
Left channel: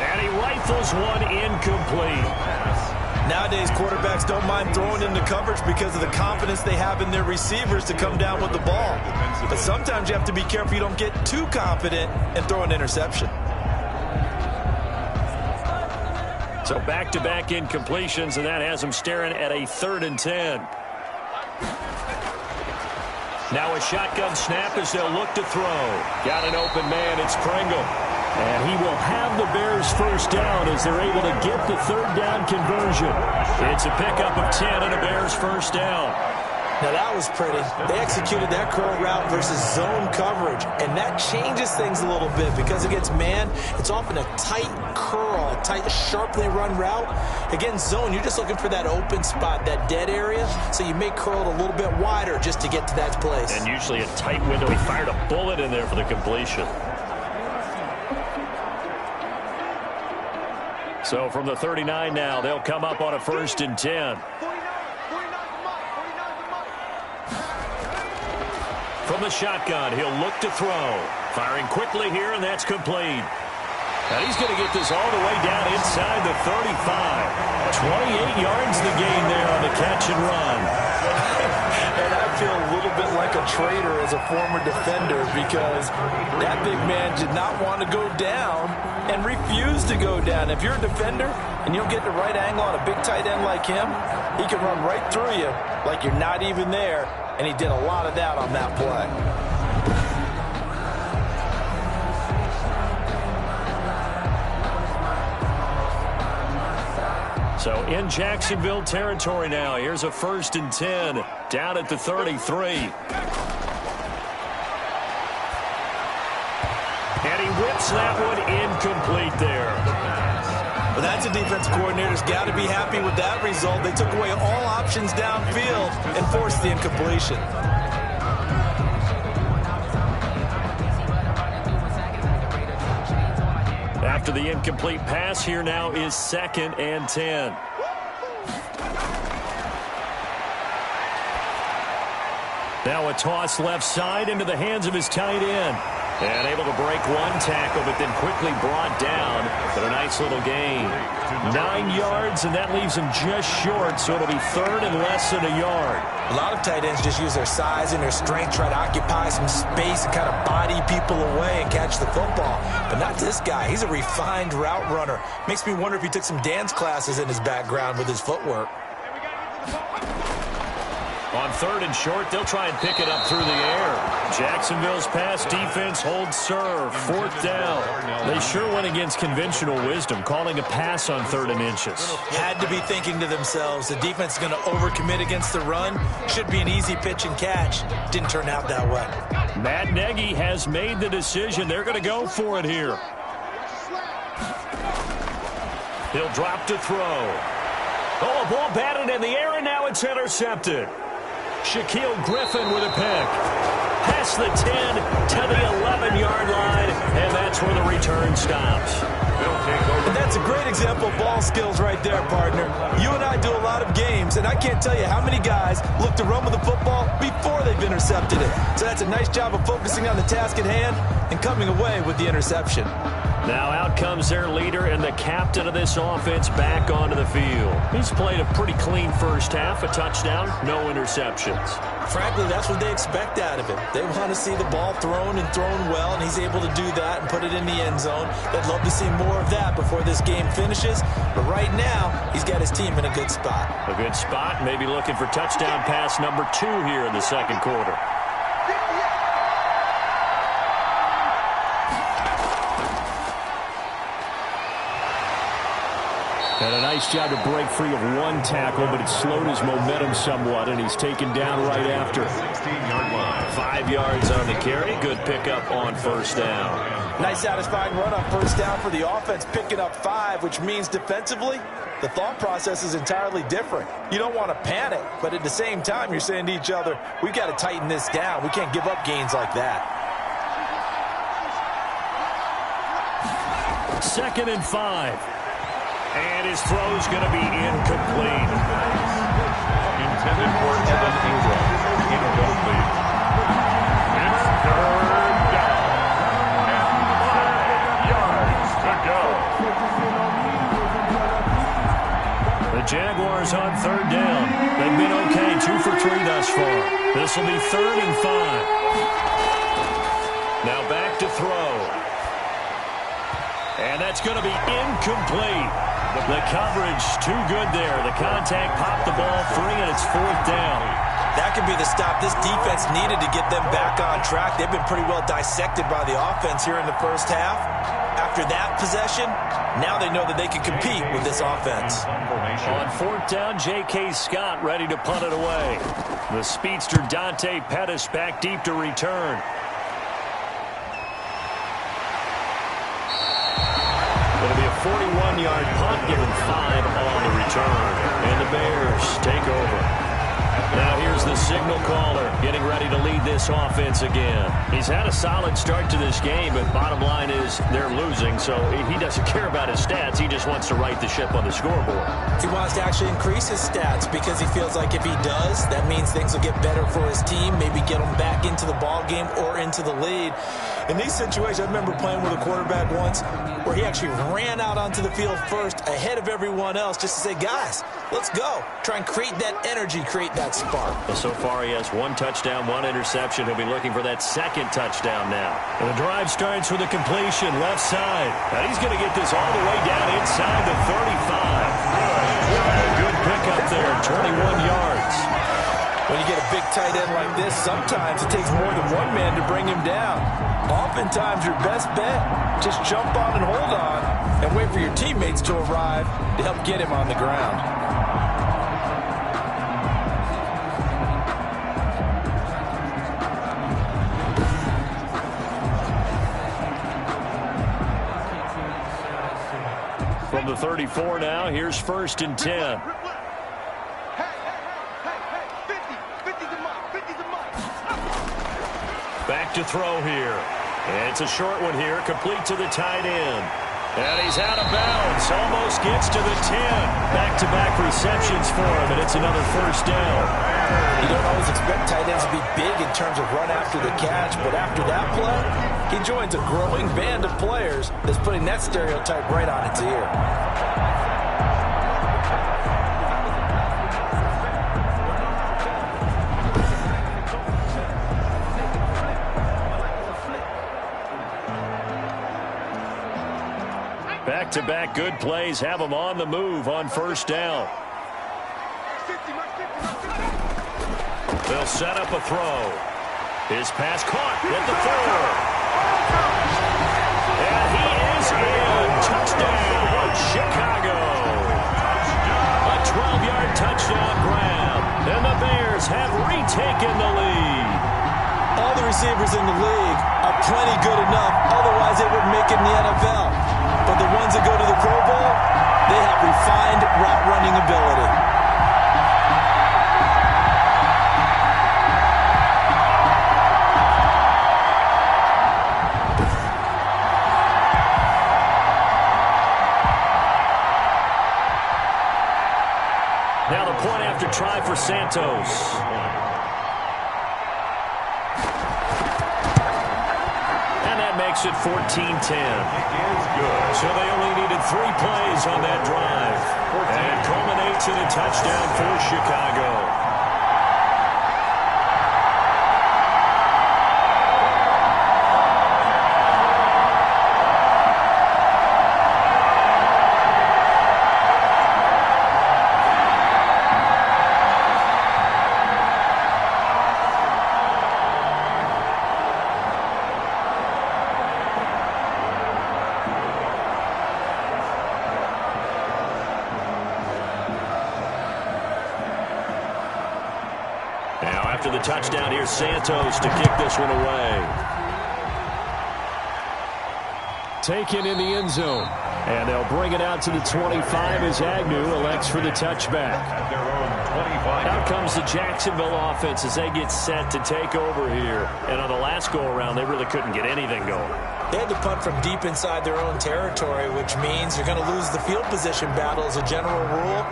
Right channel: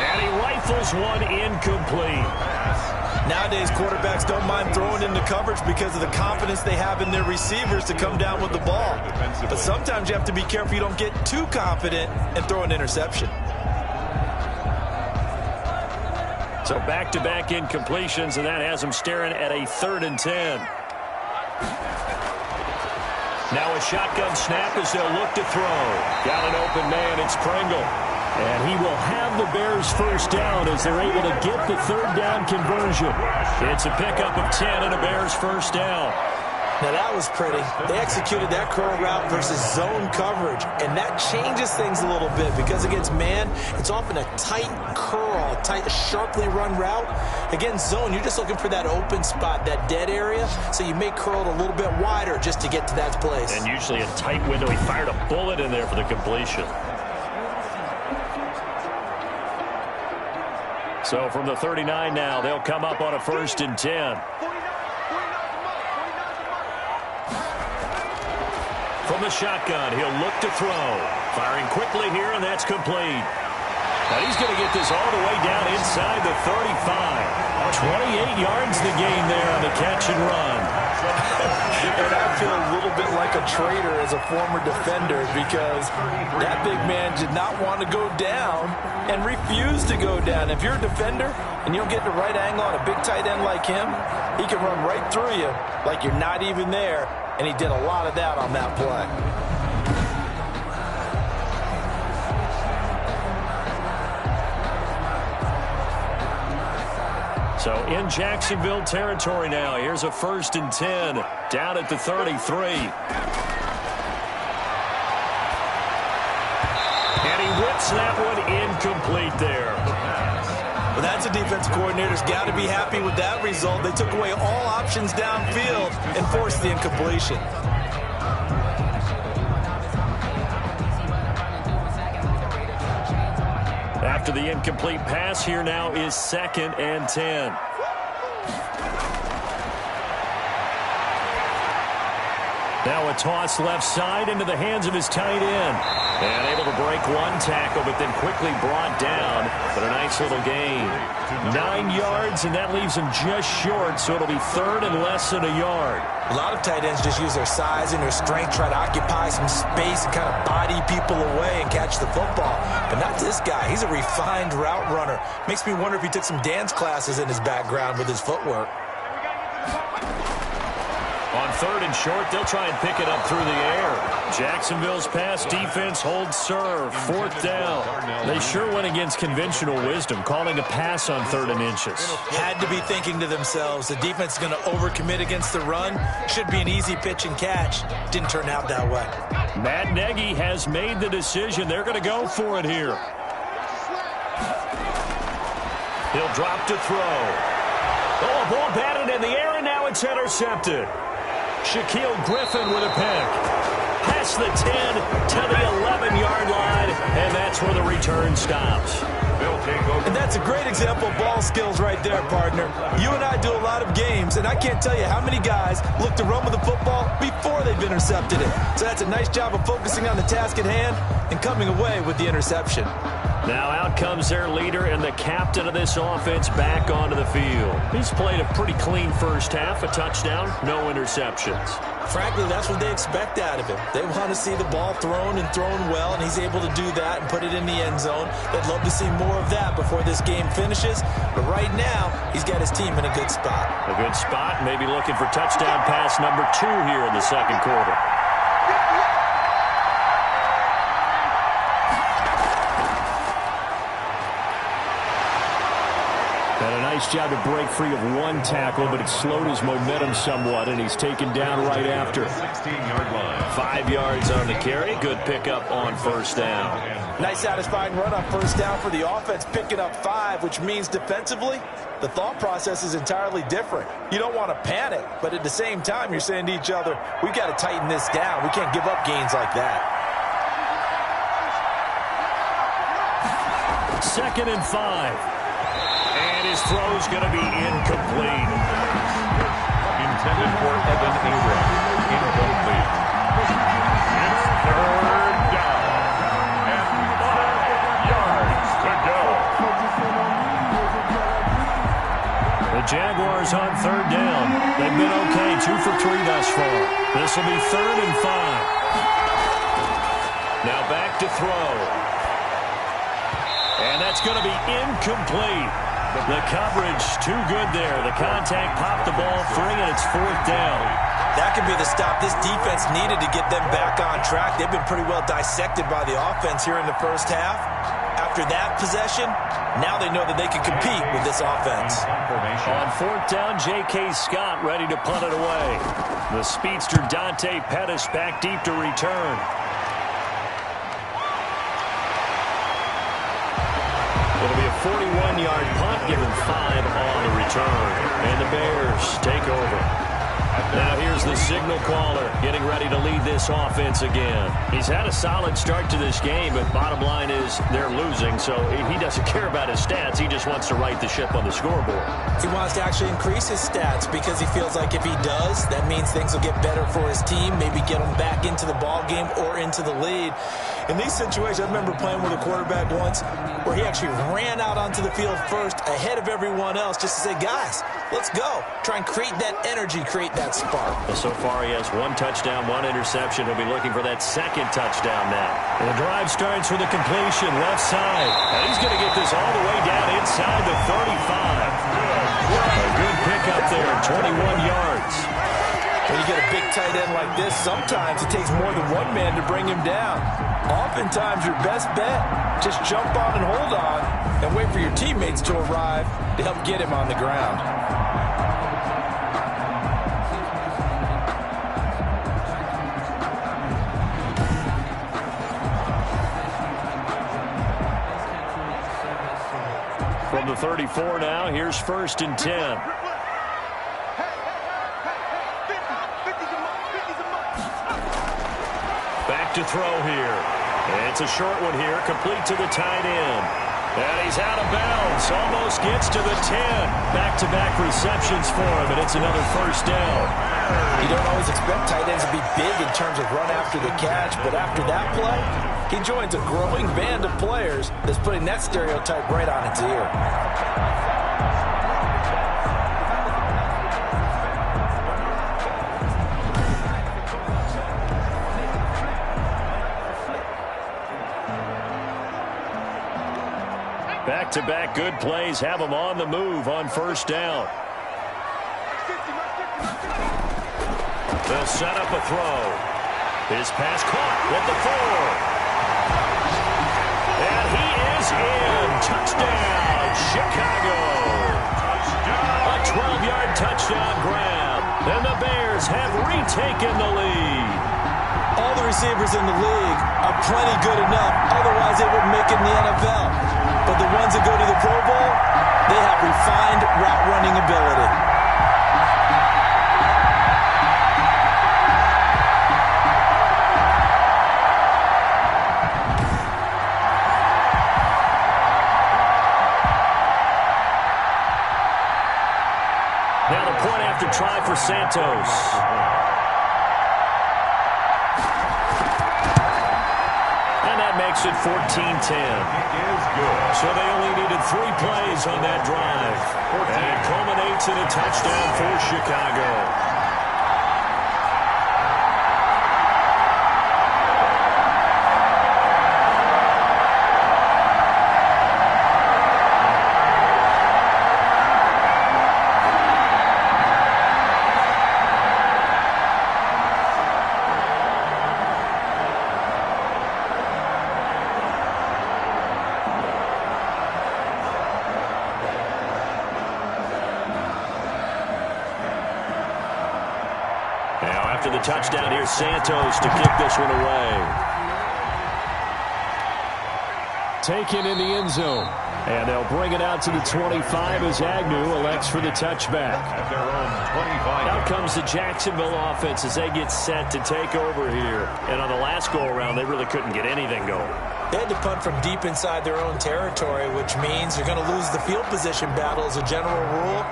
And he rifles one incomplete. Nowadays, quarterbacks don't mind throwing into coverage because of the confidence they have in their receivers to come down with the ball. But sometimes you have to be careful you don't get too confident and throw an interception. So back-to-back incompletions, and that has him staring at a 3rd and 10. Now a shotgun snap as they'll look to throw. Got an open man, it's Pringle. And he will have the Bears 1st down as they're able to get the 3rd down conversion. It's a pickup of 10 and a Bears 1st down. Now that was pretty. They executed that curl route versus zone coverage, and that changes things a little bit because against man, it's often a tight curl, a tight, sharply run route. Against zone, you're just looking for that open spot, that dead area, so you may curl it a little bit wider just to get to that place. And usually a tight window. He fired a bullet in there for the completion. So from the 39 now, they'll come up on a 1st and 10. From the shotgun, he'll look to throw. Firing quickly here, and that's complete. And he's going to get this all the way down inside the 35. 28 yards the gain there on the catch and run. And I feel a little bit like a traitor as a former defender because that big man did not want to go down and refused to go down. If you're a defender and you don't get the right angle on a big tight end like him, he can run right through you like you're not even there, and he did a lot of that on that play. So in Jacksonville territory now. Here's a 1st and 10 down at the 33. And he whips that one incomplete there. Well, that's a defense coordinator's got to be happy with that result. They took away all options downfield and forced the incompletion. After the incomplete pass, here now is 2nd and 10. Now a toss left side into the hands of his tight end. And able to break one tackle, but then quickly brought down. But a nice little gain. 9 yards, and that leaves him just short, so it'll be 3rd and less than a yard. A lot of tight ends just use their size and their strength, try to occupy some space and kind of body people away and catch the football. But not this guy. He's a refined route runner. Makes me wonder if he took some dance classes in his background with his footwork. On 3rd and short, they'll try and pick it up through the air. Jacksonville's pass defense holds serve. 4th down. They sure went against conventional wisdom, calling a pass on 3rd and inches. Had to be thinking to themselves, the defense is going to overcommit against the run. Should be an easy pitch and catch. Didn't turn out that way. Matt Nagy has made the decision. They're going to go for it here. He'll drop to throw. Oh, a ball batted in the air, and now it's intercepted. Shaquille Griffin with a pick. Past the 10 to the 11-yard line, and that's where the return stops. And that's a great example of ball skills right there, partner. You and I do a lot of games, and I can't tell you how many guys look to run with the football before they've intercepted it. So that's a nice job of focusing on the task at hand and coming away with the interception. Now out comes their leader and the captain of this offense back onto the field. He's played a pretty clean first half, a touchdown, no interceptions. Frankly, that's what they expect out of him. They want to see the ball thrown and thrown well, and he's able to do that and put it in the end zone. They'd love to see more of that before this game finishes. But right now, he's got his team in a good spot. A good spot, maybe looking for touchdown pass number 2 here in the 2nd quarter. And a nice job to break free of one tackle, but it slowed his momentum somewhat, and he's taken down right after. 16-yard line. 5 yards on the carry. Good pickup on 1st down. Nice satisfying run on 1st down for the offense, picking up 5, which means defensively, the thought process is entirely different. You don't want to panic, but at the same time, you're saying to each other, we've got to tighten this down. We can't give up gains like that. 2nd and 5. And his throw's going to be incomplete. Intended for Evan Ingram. Incomplete. It's 3rd down. And 5 yards to go. The Jaguars on 3rd down. They've been okay, 2 for 3 thus far. This will be 3rd and 5. Now back to throw. And that's going to be incomplete. The coverage too good there. The contact popped the ball free, and it's 4th down. That could be the stop this defense needed to get them back on track. They've been pretty well dissected by the offense here in the first half. After that possession, now they know that they can compete with this offense. On 4th down, J.K. Scott ready to punt it away. The speedster Dante Pettis back deep to return. It'll be a 41-yard punt, given 5 on the return. And the Bears take over. Now here's the signal caller getting ready to lead this offense again. He's had a solid start to this game, but bottom line is they're losing, so he doesn't care about his stats. He just wants to right the ship on the scoreboard. He wants to actually increase his stats because he feels like if he does, that means things will get better for his team, maybe get them back into the ball game or into the lead. In these situations, I remember playing with a quarterback once where he actually ran out onto the field first ahead of everyone else just to say, guys, let's go. Try and create that energy, create that spark. Well, so far he has 1 touchdown, 1 interception. He'll be looking for that second touchdown now. And the drive starts with a completion left side. And he's going to get this all the way down inside the 35. A good pickup there, 21 yards. When you get a big tight end like this, sometimes it takes more than one man to bring him down. Oftentimes, your best bet, just jump on and hold on and wait for your teammates to arrive to help get him on the ground. From the 34 now, here's 1st and 10. Back to throw here. It's a short one here, complete to the tight end. And he's out of bounds, almost gets to the 10. Back-to-back receptions for him, and it's another 1st down. You don't always expect tight ends to be big in terms of run after the catch, but after that play, he joins a growing band of players that's putting that stereotype right on its ear. Back-to-back good plays have him on the move on 1st down. They'll set up a throw. His pass caught at the 4. And he is in. Touchdown, Chicago. A 12-yard touchdown grab. And the Bears have retaken the lead. All the receivers in the league are plenty good enough. Otherwise, they wouldn't make it in the NFL. But the ones that go to the Pro Bowl, they have refined route running ability. Now the point after try for Santos. And that makes it 14-10. Is good. So they only needed 3 plays on that drive. And it culminates in a touchdown for Chicago. After the touchdown, here's Santos to kick this one away. Taken in the end zone. And they'll bring it out to the 25 as Agnew elects for the touchback. At their own 25. Out comes the Jacksonville offense as they get set to take over here. And on the last go-around, they really couldn't get anything going. They had to punt from deep inside their own territory, which means you're going to lose the field position battle as a general rule.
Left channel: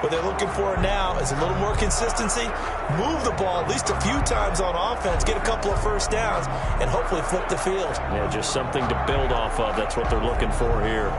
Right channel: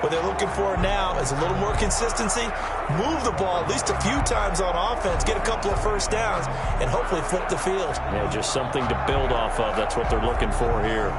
What they're looking for now is a little more consistency, move the ball at least a few times on offense, get a couple of 1st downs, and hopefully flip the field. Yeah, just something to build off of. That's what they're looking for here.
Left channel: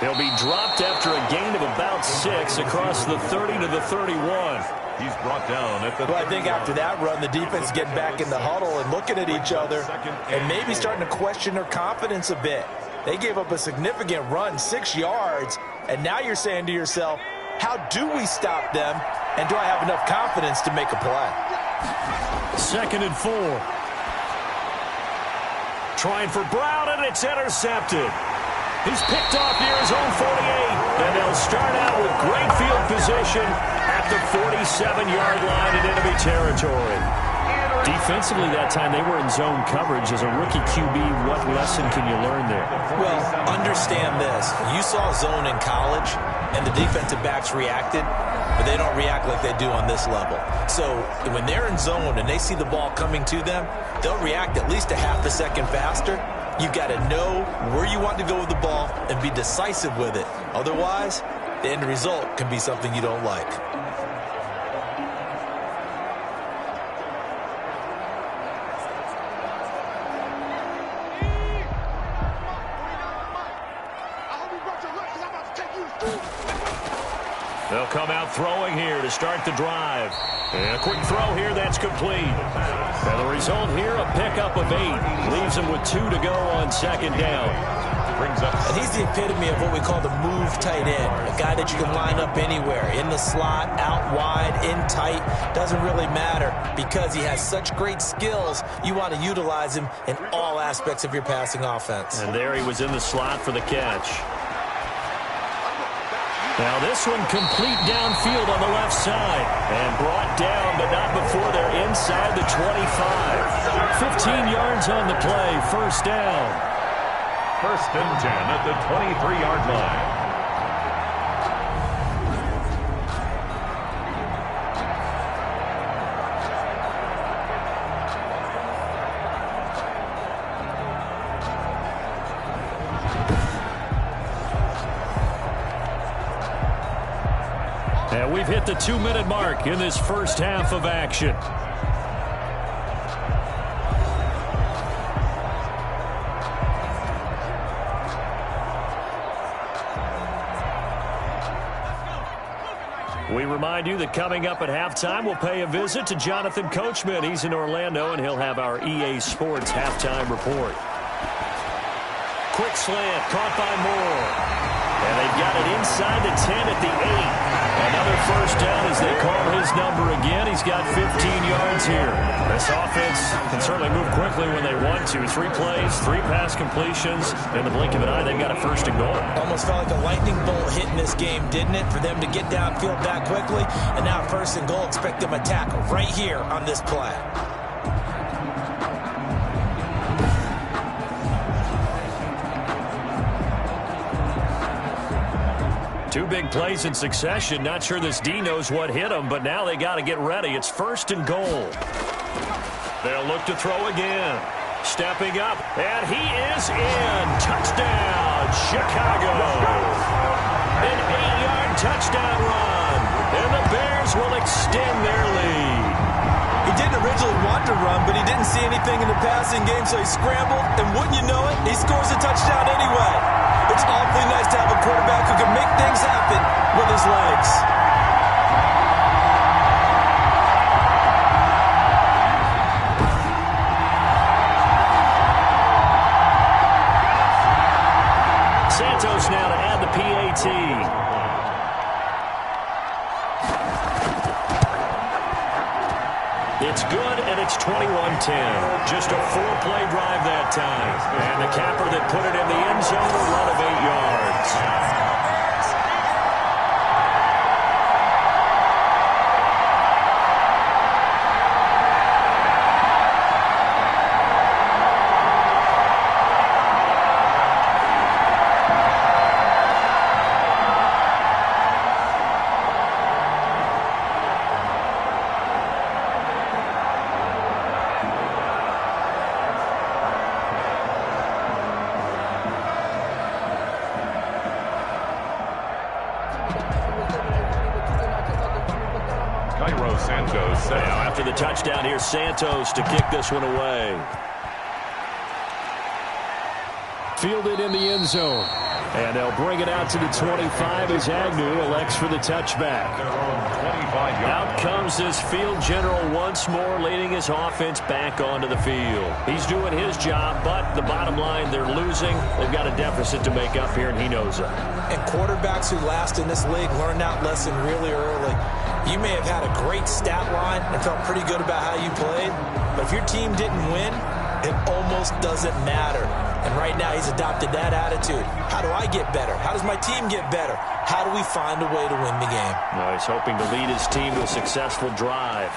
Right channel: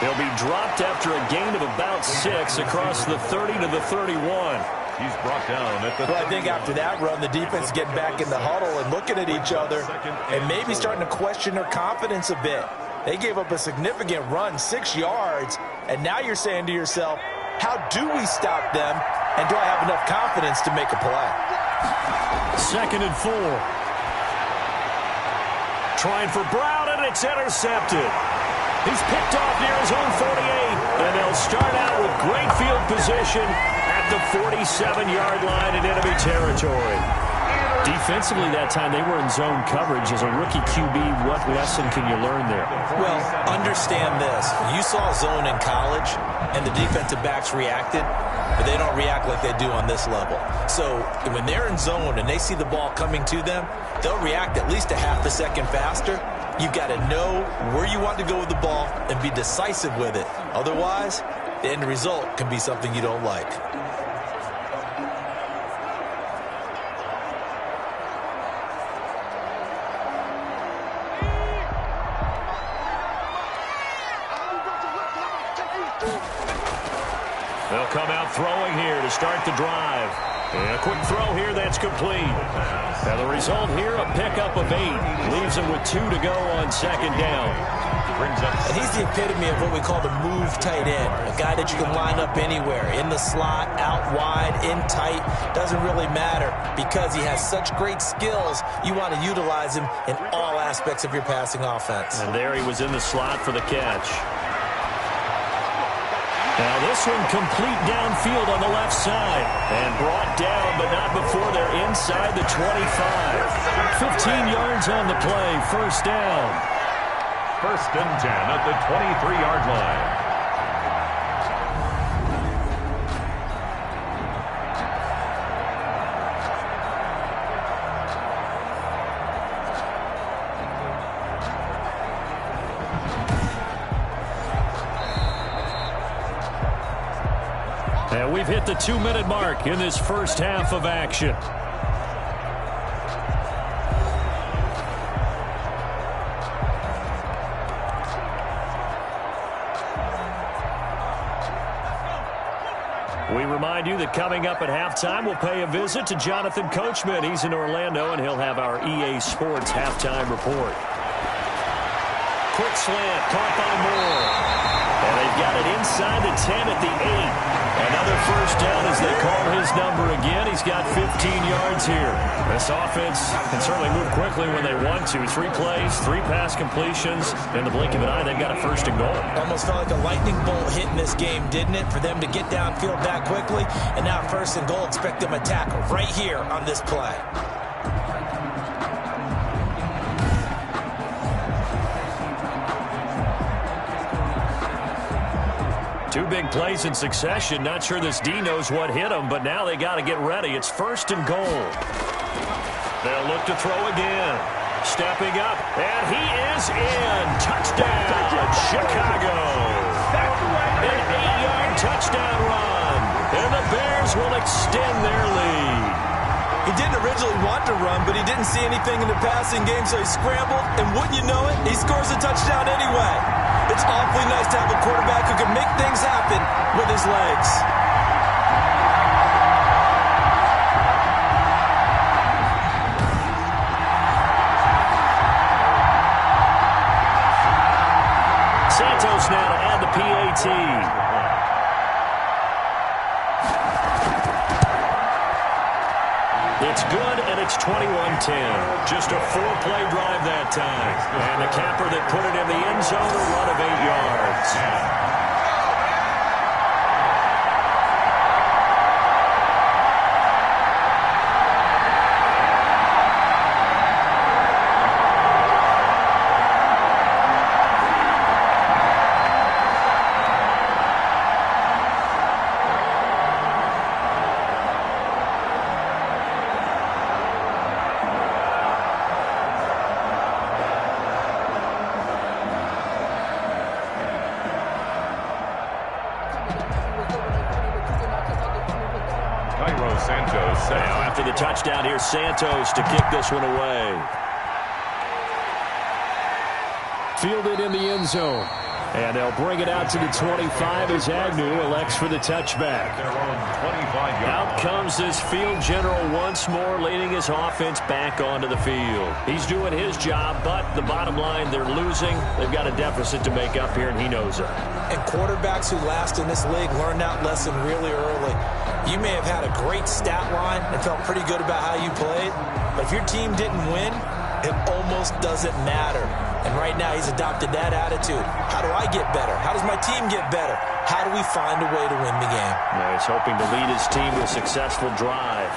He'll be dropped after a gain of about 6 across the 30 to the 31. He's brought down at the 31. Well, I think after that run, the defense getting back in the huddle and looking at each other and maybe starting to question their confidence a bit. They gave up a significant run, 6 yards, and now you're saying to yourself, how do we stop them, and do I have enough confidence to make a play? 2nd and 4. Trying for Brown, and it's intercepted. He's picked off near his own 48, and they'll start out with great field position at the 47-yard line in enemy territory. Defensively that time, they were in zone coverage. As a rookie QB, what lesson can you learn there? Well, understand this. You saw zone in college, and the defensive backs reacted, but they don't react like they do on this level. So when they're in zone and they see the ball coming to them, they'll react at least a half a second faster. You've got to know where you want to go with the ball and be decisive with it. Otherwise, the end result can be something you don't like. They'll come out throwing here to start the drive. And a quick throw here that's complete. And the result here, a pickup of 8. Leaves him with 2 to go on second down. And he's the epitome of what we call the move tight end. A guy that you can line up anywhere. In the slot, out wide, in tight. Doesn't really matter because he has such great skills. You want to utilize him in all aspects of your passing offense. And there he was in the slot for the catch. Now this one complete downfield on the left side. And brought down, but not before they're inside the 25. 15 yards on the play, first down. 1st and 10 at the 23-yard line. And we've hit the 2-minute mark in this first half of action. We remind you that coming up at halftime, we'll pay a visit to Jonathan Coachman. He's in Orlando, and he'll have our EA Sports halftime report. Quick slant, caught by Moore. And they've got it inside the 10 at the 8. Another first down as they call his number again. He's got 15 yards here. This offense can certainly move quickly when they want to. 3 plays, 3 pass completions. In the blink of an eye, they've got a 1st and goal. Almost felt like a lightning bolt hit in this game, didn't it? For them to get downfield that quickly. And now 1st and goal. Expect them to tackle right here on this play. Two big plays in succession. Not sure this D knows what hit him, but now they got to get ready. It's 1st and goal. They'll look to throw again. Stepping up, and he is in. Touchdown, Chicago. An 8-yard touchdown run, and the Bears will extend their lead. He didn't originally want to run, but he didn't see anything in the passing game, so he scrambled, and wouldn't you know it, he scores a touchdown anyway. It's awfully nice to have a quarterback who can make things happen with his legs. Santos now to add the PAT. It's good, and it's 21-10. Just a 4-play drive that time. And the capper that put it in the end zone, a run of 8 yards. Santos. Now after the touchdown, here's Santos to kick this one away. Fielded in the end zone. And they'll bring it out to the 25 as Agnew elects for the touchback. Out comes this field general once more, leading his offense back onto the field. He's doing his job, but the bottom line, they're losing. They've got a deficit to make up here, and he knows it. And quarterbacks who last in this league learn that lesson really early. You may have had a great stat line and felt pretty good about how you played, but if your team didn't win, it almost doesn't matter. And right now he's adopted that attitude. How do I get better? How does my team get better? How do we find a way to win the game? Now he's hoping to lead his team to a successful drive.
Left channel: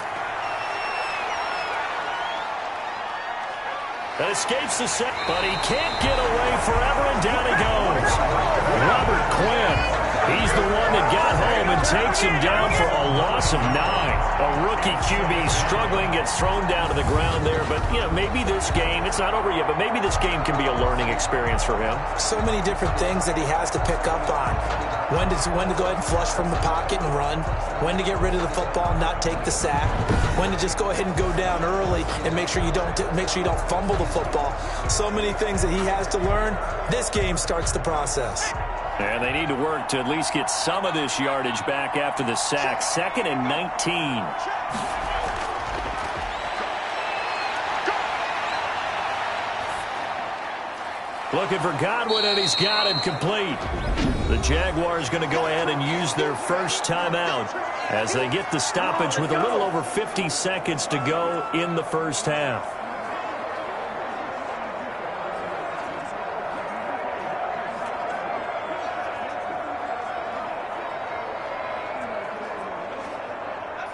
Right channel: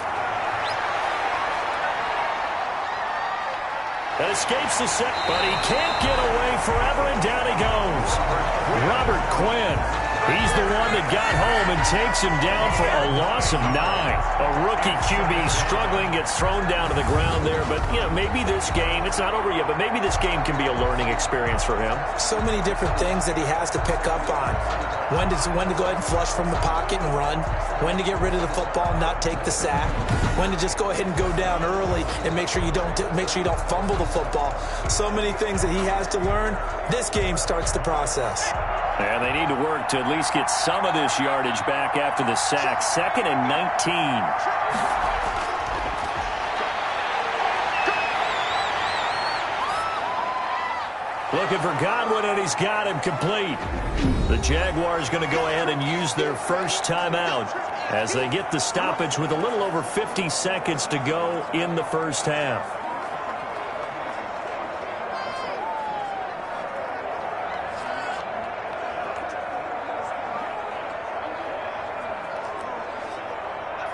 That escapes the set, but he can't get away forever, and down he goes. Robert Quinn. He's the one that got home and takes him down for a loss of 9. A rookie QB struggling, gets thrown down to the ground there. But, you know, maybe this game, it's not over yet, but maybe this game can be a learning experience for him. So many different things that he has to pick up on. When to go ahead and flush from the pocket and run. When to get rid of the football and not take the sack. When to just go ahead and go down early and make sure you don't fumble the football. So many things that he has to learn. This game starts the process. And they need to work to at least get some of this yardage back after the sack. 2nd and 19. Looking for Godwin, and he's got him complete. The Jaguars going to go ahead and use their first timeout as they get the stoppage with a little over 50 seconds to go in the first half.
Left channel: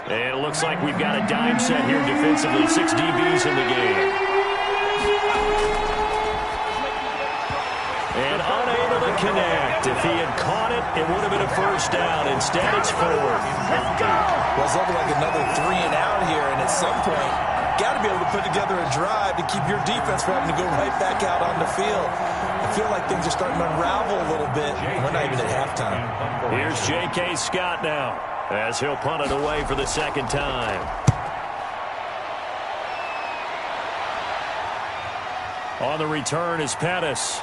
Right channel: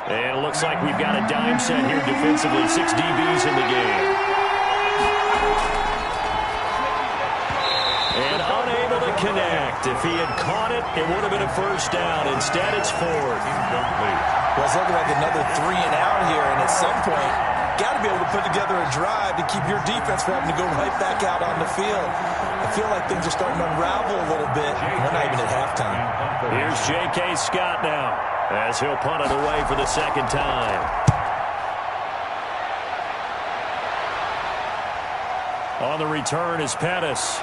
And it looks like we've got a dime set here defensively. 6 DBs in the game. And unable to connect. If he had caught it, it would have been a first down. Instead, it's 4th. Well, it's looking like another 3 and out here, and at some point, got to be able to put together a drive to keep your defense from having to go right back out on the field. I feel like things are starting to unravel a little bit. We're not even at halftime. Here's J.K. Scott now, as he'll punt it away for the second time. On the return is Pettis.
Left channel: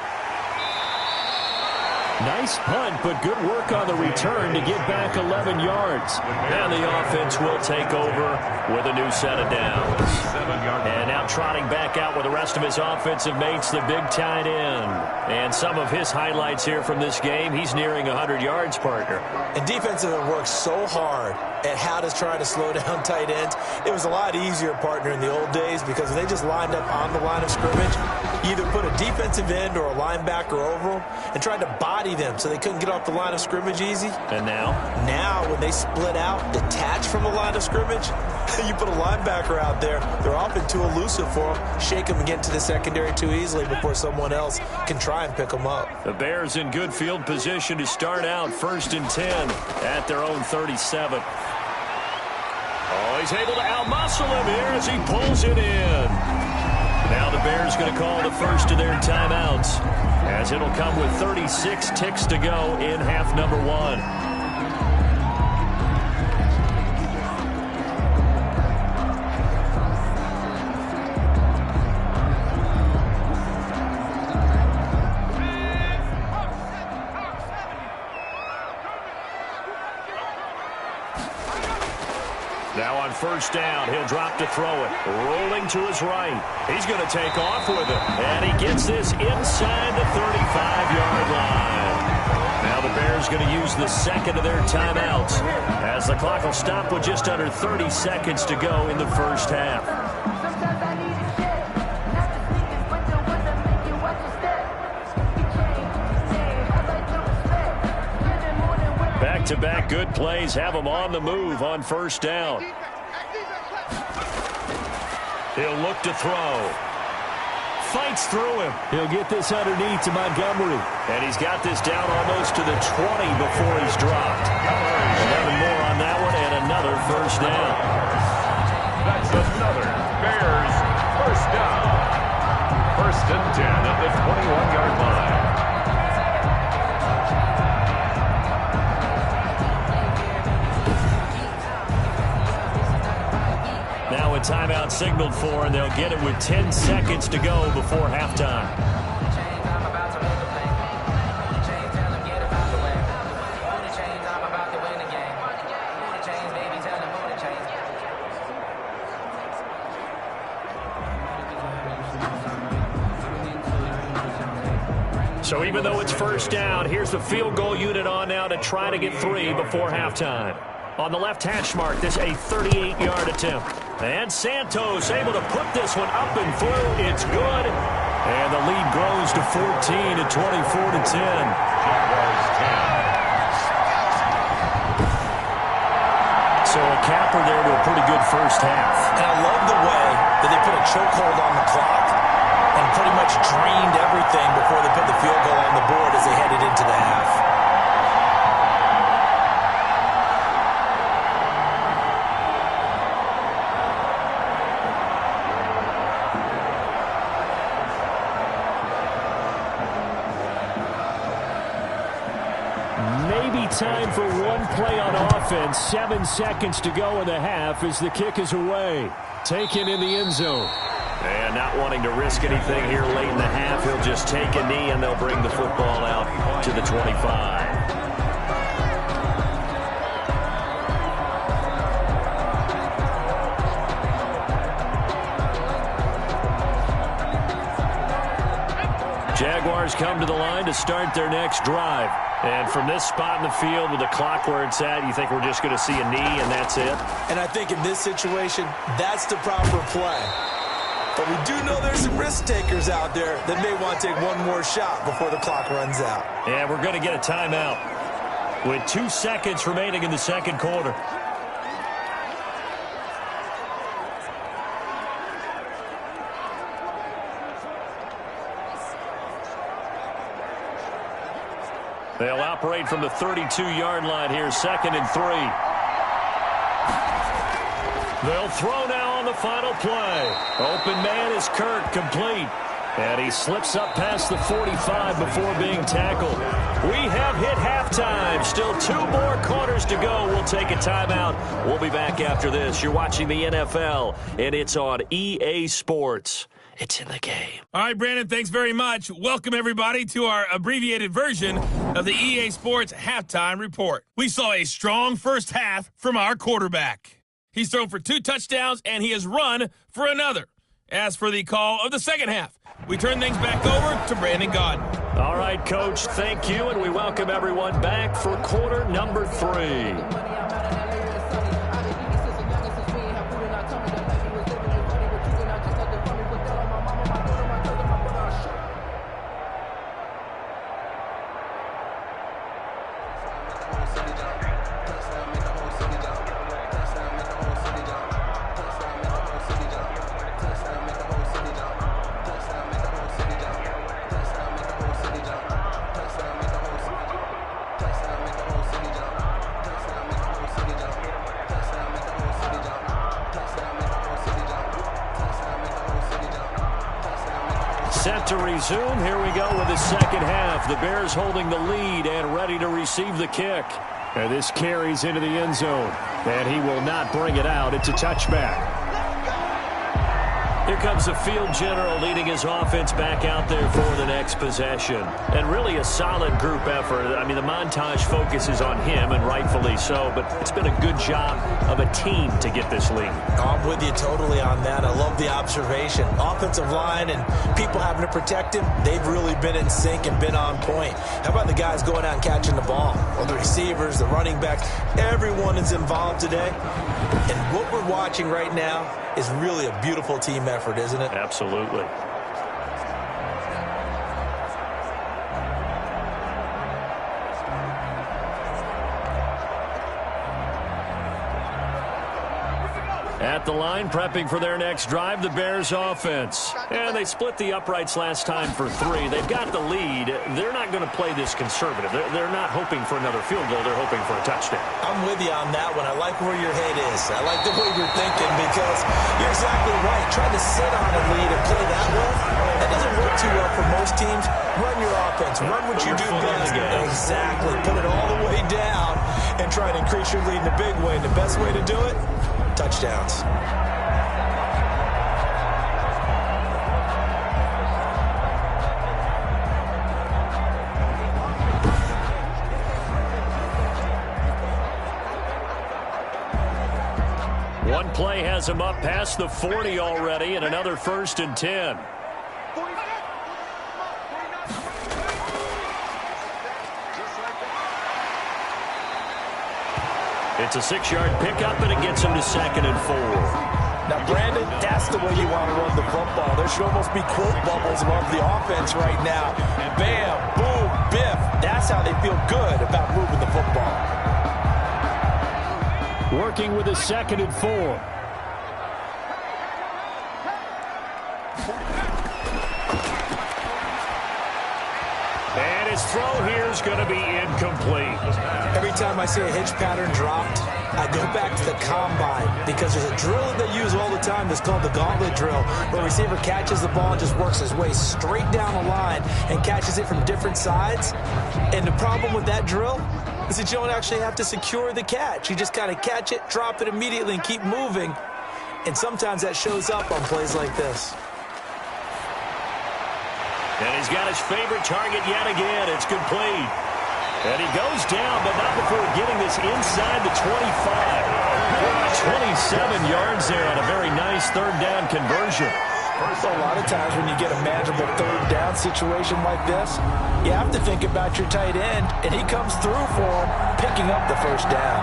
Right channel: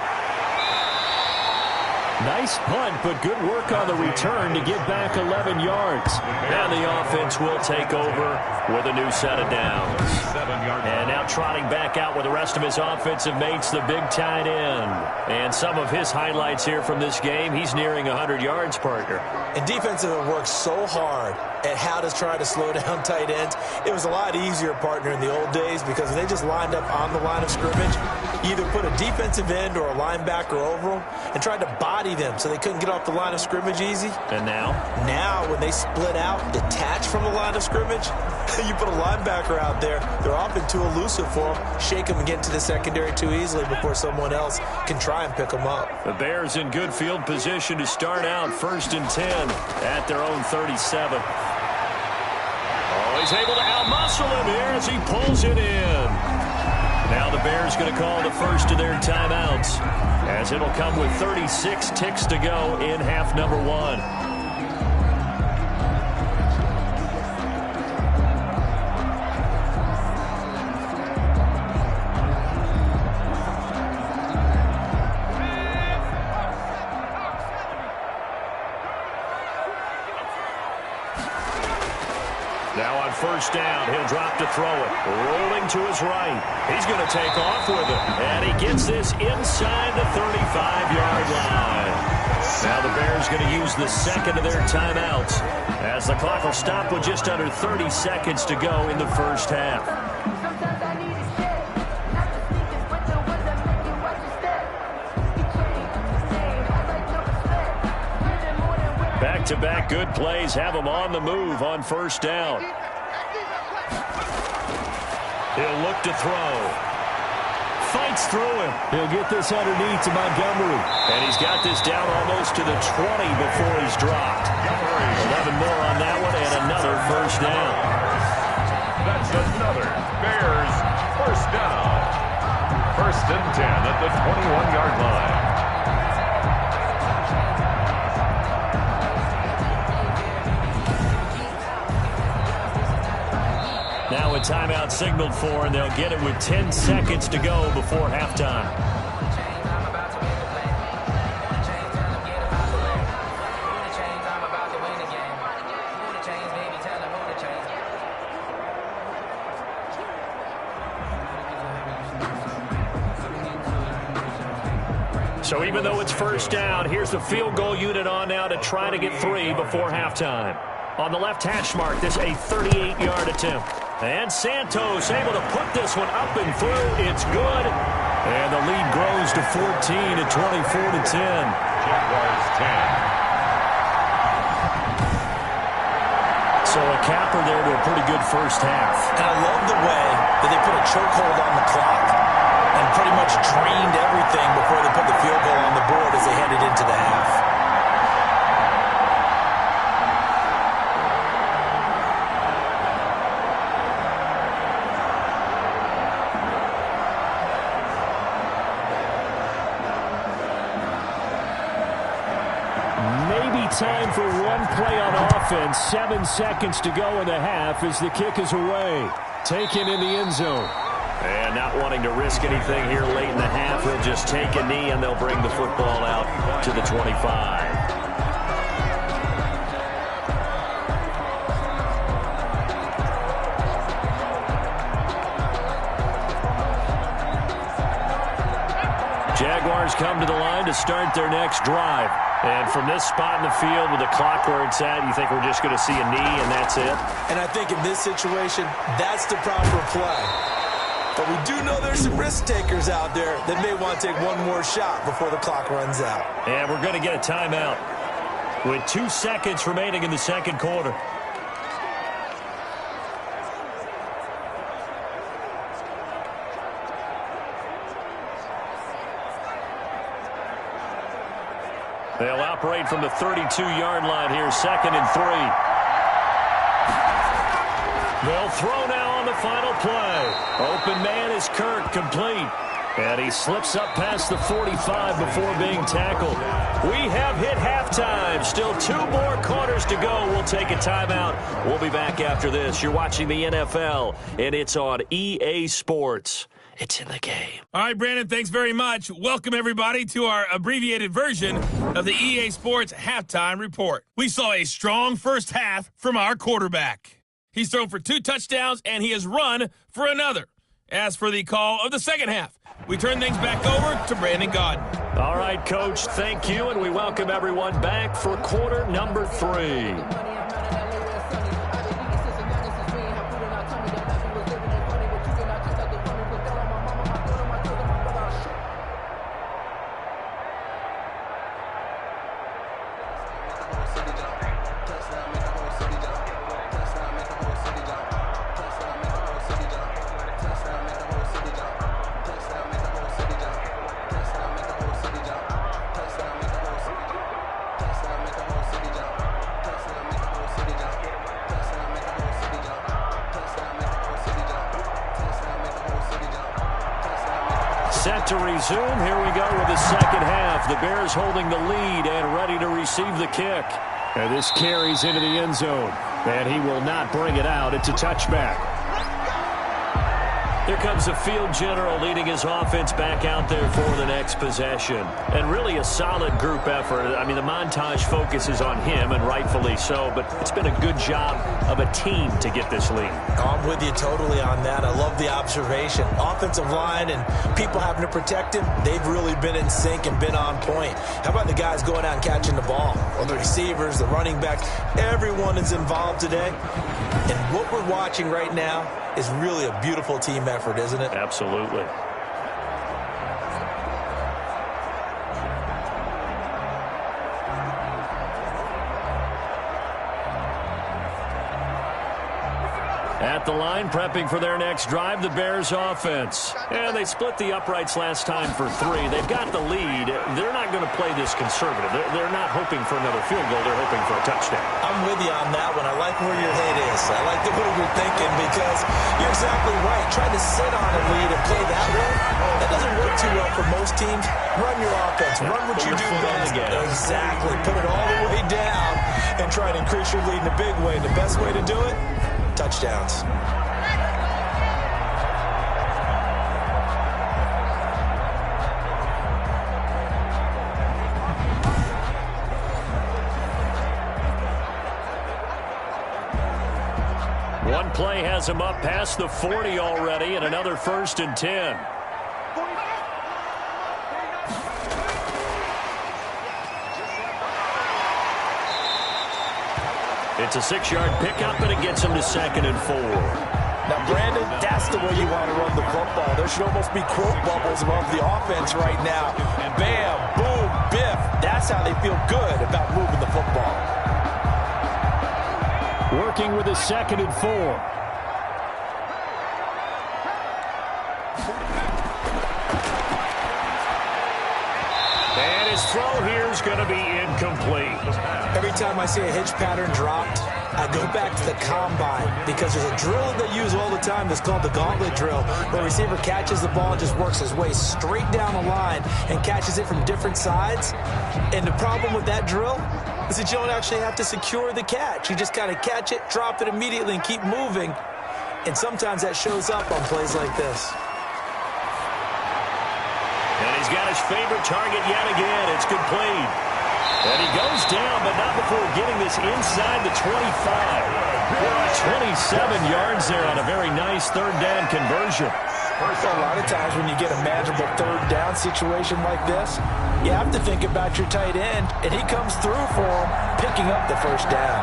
Nice punt, but good work on the return to get back 11 yards. And the offense will take over with a new set of downs. And now trotting back out with the rest of his offensive mates, the big tight end. And some of his highlights here from this game, he's nearing 100 yards, partner. And defensive have worked so hard at how to try to slow down tight ends. It was a lot easier, partner, in the old days because when they just lined up on the line of scrimmage, either put a defensive end or a linebacker over them and tried to body them so they couldn't get off the line of scrimmage easy. And now? Now, when they split out, detach from the line of scrimmage, you put a linebacker out there, they're often too elusive for them. Shake them and get into the secondary too easily before someone else can try and pick them up. The Bears in good field position to start out 1st and 10 at their own 37. Oh, he's able to outmuscle him here as he pulls it in. Now the Bears going to call the first of their timeouts, as it'll come with 36 ticks to go in half number 1. Now on first down, he'll drop to throw it. Rolling to his right. He's going to take off with it. And he gets this inside the 35-yard line. Now the Bears going to use the second of their timeouts, as the clock will stop with just under 30 seconds to go in the first half. Back-to-back good plays have him on the move on first down. He'll look to throw. Fights through him. He'll get this underneath to Montgomery. And he's got this down almost to the 20 before he's dropped. 11 more on that one and another first down. That's another Bears first down. 1st and 10 at the 21-yard line. Now a timeout signaled for, and they'll get it with 10 seconds to go before halftime. So even though it's first down, here's the field goal unit on now to try to get 3 before halftime. On the left hash mark, this a 38-yard attempt. And Santos able to put this one up and through. It's good. And the lead grows to 14 at 24-10. Jaguars 10. So a capper there to a pretty good first half. And I love the way that they put a chokehold on the clock. And pretty much drained everything before they put the field goal on the board as they headed into the half. Maybe time for one play on offense. 7 seconds to go in the half as the kick is away. Taken in the end zone. And not wanting to risk anything here late in the half, he'll just take a knee and they'll bring the football out to the 25. Jaguars come to the line to start their next drive. And from this spot in the field with the clock where it's at, you think we're just going to see a knee and that's it? And I think in this situation, that's the proper play. But we do know there's some risk takers out there that may want to take one more shot before the clock runs out. And we're going to get a timeout with 2 seconds remaining in the second quarter. They'll operate from the 32-yard line here, 2nd and 3. They'll throw now on the final play. Open man is Kirk, complete. And he slips up past the 45 before being tackled. We have hit halftime. Still 2 more quarters to go. We'll take a timeout. We'll be back after this. You're watching the NFL, and it's on EA Sports. It's in the game. All right, Brandon, thanks very much. Welcome, everybody, to our abbreviated version of the EA Sports Halftime Report. We saw a strong first half from our quarterback. He's thrown for 2 touchdowns, and he has run for another. As for the call of the second half, we turn things back over to Brandon Gaudin. All right, Coach, thank you, and we welcome everyone back for quarter number 3. Set to resume. Here we go with the second half. The Bears holding the lead and ready to receive the kick. And this carries into the end zone. And he will not bring it out. It's a touchback. Here comes the field general leading his offense back out there for the next possession. And really a solid group effort. I mean, the montage focuses on him, and rightfully so, but it's been a good job of a team to get this lead. I'm with you totally on that. I love the observation. Offensive line and people having to protect him, they've really been in sync and been on point. How about the guys going out and catching the ball? Well, the receivers, the running backs, everyone is involved today. And what we're watching right now is really a beautiful team effort, isn't it? Absolutely. At the line, prepping for their next drive, the Bears offense. And they split the uprights last time for 3. They've got the lead. They're not going to play this conservative. They're not hoping for another field goal. They're hoping for a touchdown. I'm with you on that one. I like where your head is. I like the way you're thinking because you're exactly right. Trying to sit on a lead and play that way, that doesn't work too well for most teams. Run your offense. Run what you do best. Exactly. Put it all the way down and try and increase your lead in a big way. And the best way to do it? Touchdowns. One play has him up past the 40 already, and another 1st and 10. It's a 6-yard pickup, and it gets him to 2nd and 4. Now, Brandon, that's the way you want to run the football. There should almost be quote bubbles above the offense right now. Bam, boom, biff. That's how they feel good about moving the football. Working with a 2nd and 4. his throw here is going to be incomplete. Every time I see a hitch pattern dropped, I go back to the combine because there's a drill that they use all the time that's called the gauntlet drill, where a receiver catches the ball and just works his way straight down the line and catches it from different sides. And the problem with that drill is that you don't actually have to secure the catch. You just kind of catch it, drop it immediately, and keep moving. And sometimes that shows up on plays like this. And he's got his favorite target yet again. It's complete. And he goes down, but not before getting this inside the 25. 27 yards there on a very nice third down conversion. A lot of times when you get a manageable third down situation like this, you have to think about your tight end, and he comes through for him, picking up the first down.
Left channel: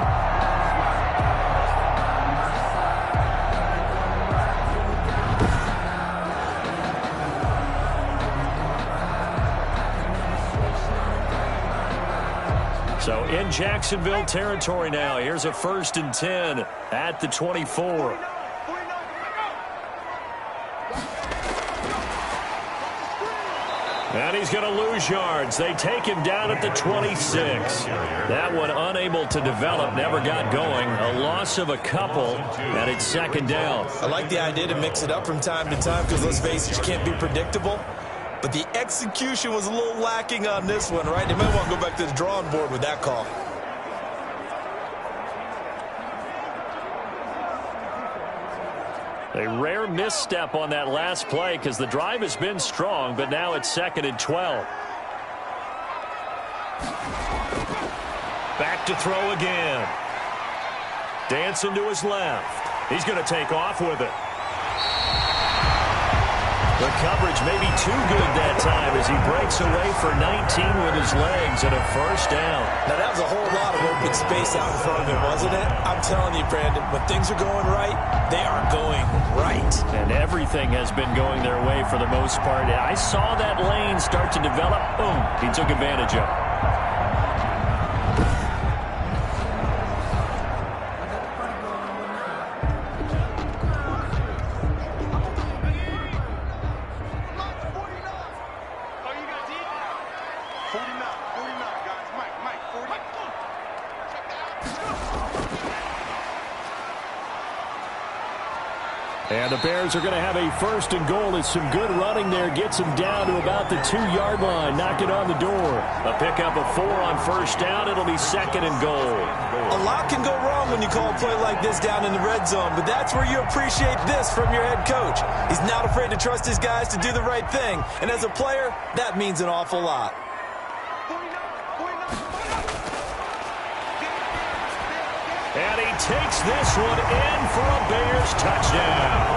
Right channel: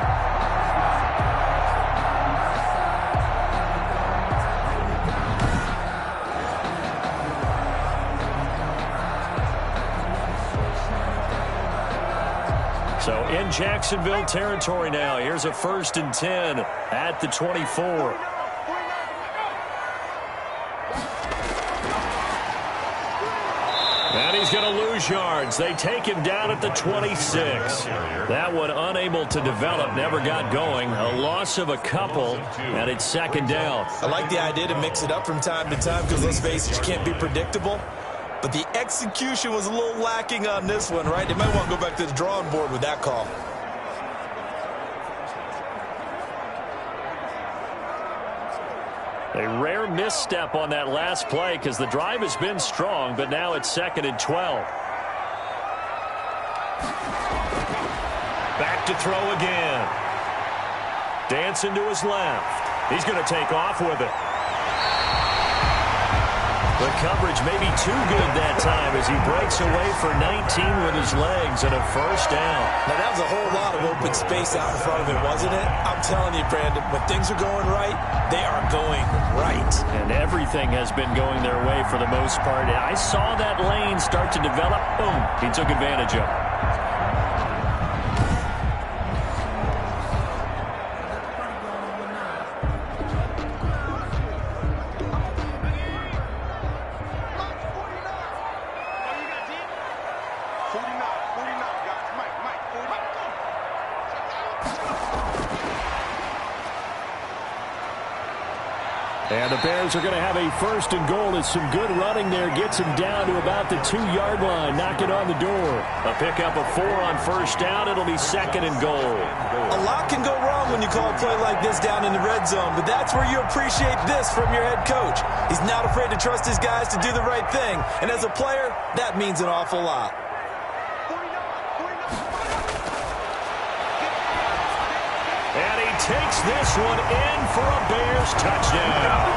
So in Jacksonville territory now. Here's a 1st and 10 at the 24. And he's going to lose yards. They take him down at the 26. That one unable to develop, never got going. A loss of a couple, and it's 2nd down. I like the idea to mix it up from time to time because, let's face it, you can't be predictable. But the execution was a little lacking on this one, right? They might want to go back to the drawing board with that call. A rare misstep on that last play because the drive has been strong, but now it's 2nd and 12. Back to throw again. Dancing to his left. He's going to take off with it. The coverage may be too good that time as he breaks away for 19 with his legs and a 1st down. Now, that was a whole lot of open space out in front of him, wasn't it? I'm telling you, Brandon, when things are going right, they are going right. And everything has been going their way for the most part. I saw that lane start to develop. Boom. He took advantage of it. And the Bears are going to have a 1st and goal as some good running there gets him down to about the 2-yard line, knocking on the door. A pickup of 4 on 1st down. It'll be 2nd and goal. A lot can go wrong when you call a play like this down in the red zone, but that's where you appreciate this from your head coach. He's not afraid to trust his guys to do the right thing, and as a player, that means an awful lot. And he takes this one in for a Bears touchdown.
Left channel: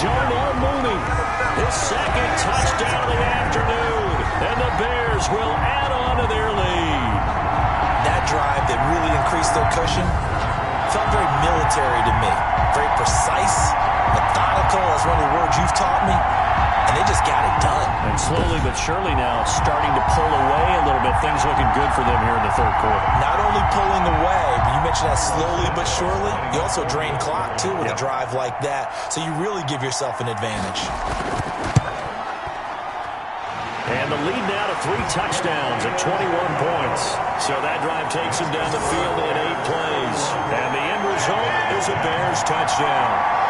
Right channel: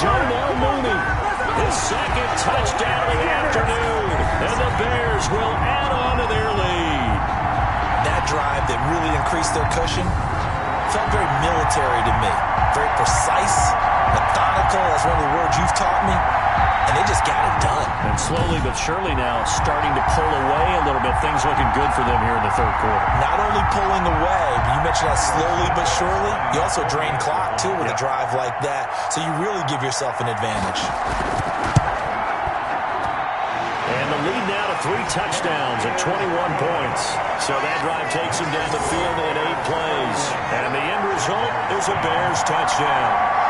Darnell Mooney, his 2nd touchdown of the afternoon. And the Bears will add on to their lead. That drive that really increased their cushion felt very military to me. Very precise, methodical. That's one of the words you've taught me. And they just got it done. And slowly but surely now starting to pull away a little bit. Things looking good for them here in the 3rd quarter. Not only pulling away, but you mentioned that slowly but surely. You also drain clock, too, with a drive like that. So you really give yourself an advantage. And the lead now to 3 touchdowns at 21 points. So that drive takes him down the field in 8 plays. And the end result is a Bears touchdown.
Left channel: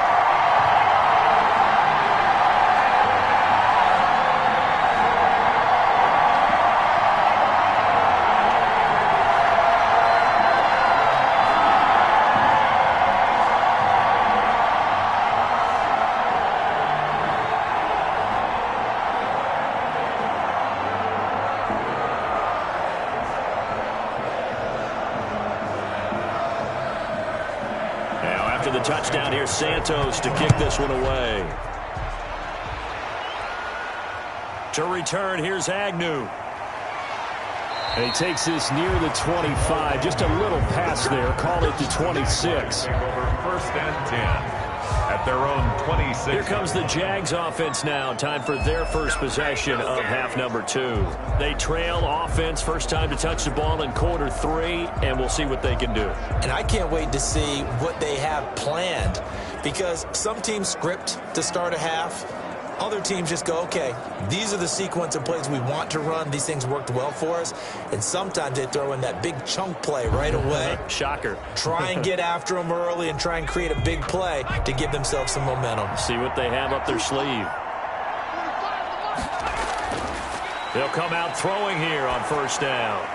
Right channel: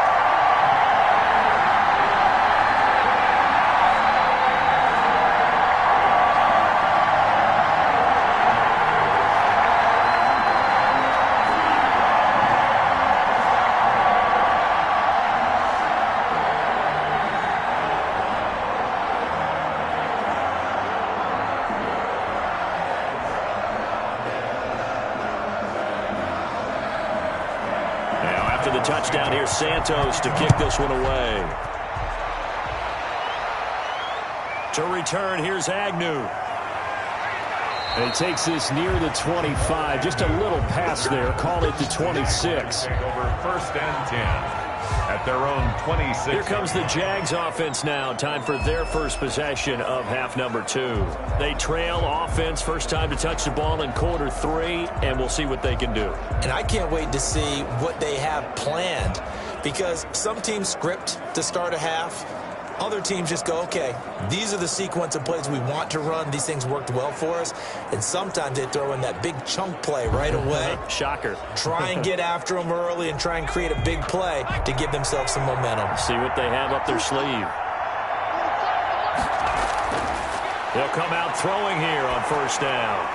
The touchdown here, Santos to kick this one away. To return, here's Agnew. And he takes this near the 25. Just a little pass there. Call it the 26. Over 1st and 10 at their own 26. Here comes the Jags offense now. Time for their first possession of half number 2. They trail offense, first time to touch the ball in quarter 3, and we'll see what they can do. And I can't wait to see what they have planned, because some teams script to start a half. Other teams just go, okay, these are the sequence of plays we want to run. These things worked well for us. And sometimes they throw in that big chunk play right away. Shocker. Try and get after them early and try and create a big play to give themselves some momentum. See what they have up their sleeve. They'll come out throwing here on first down.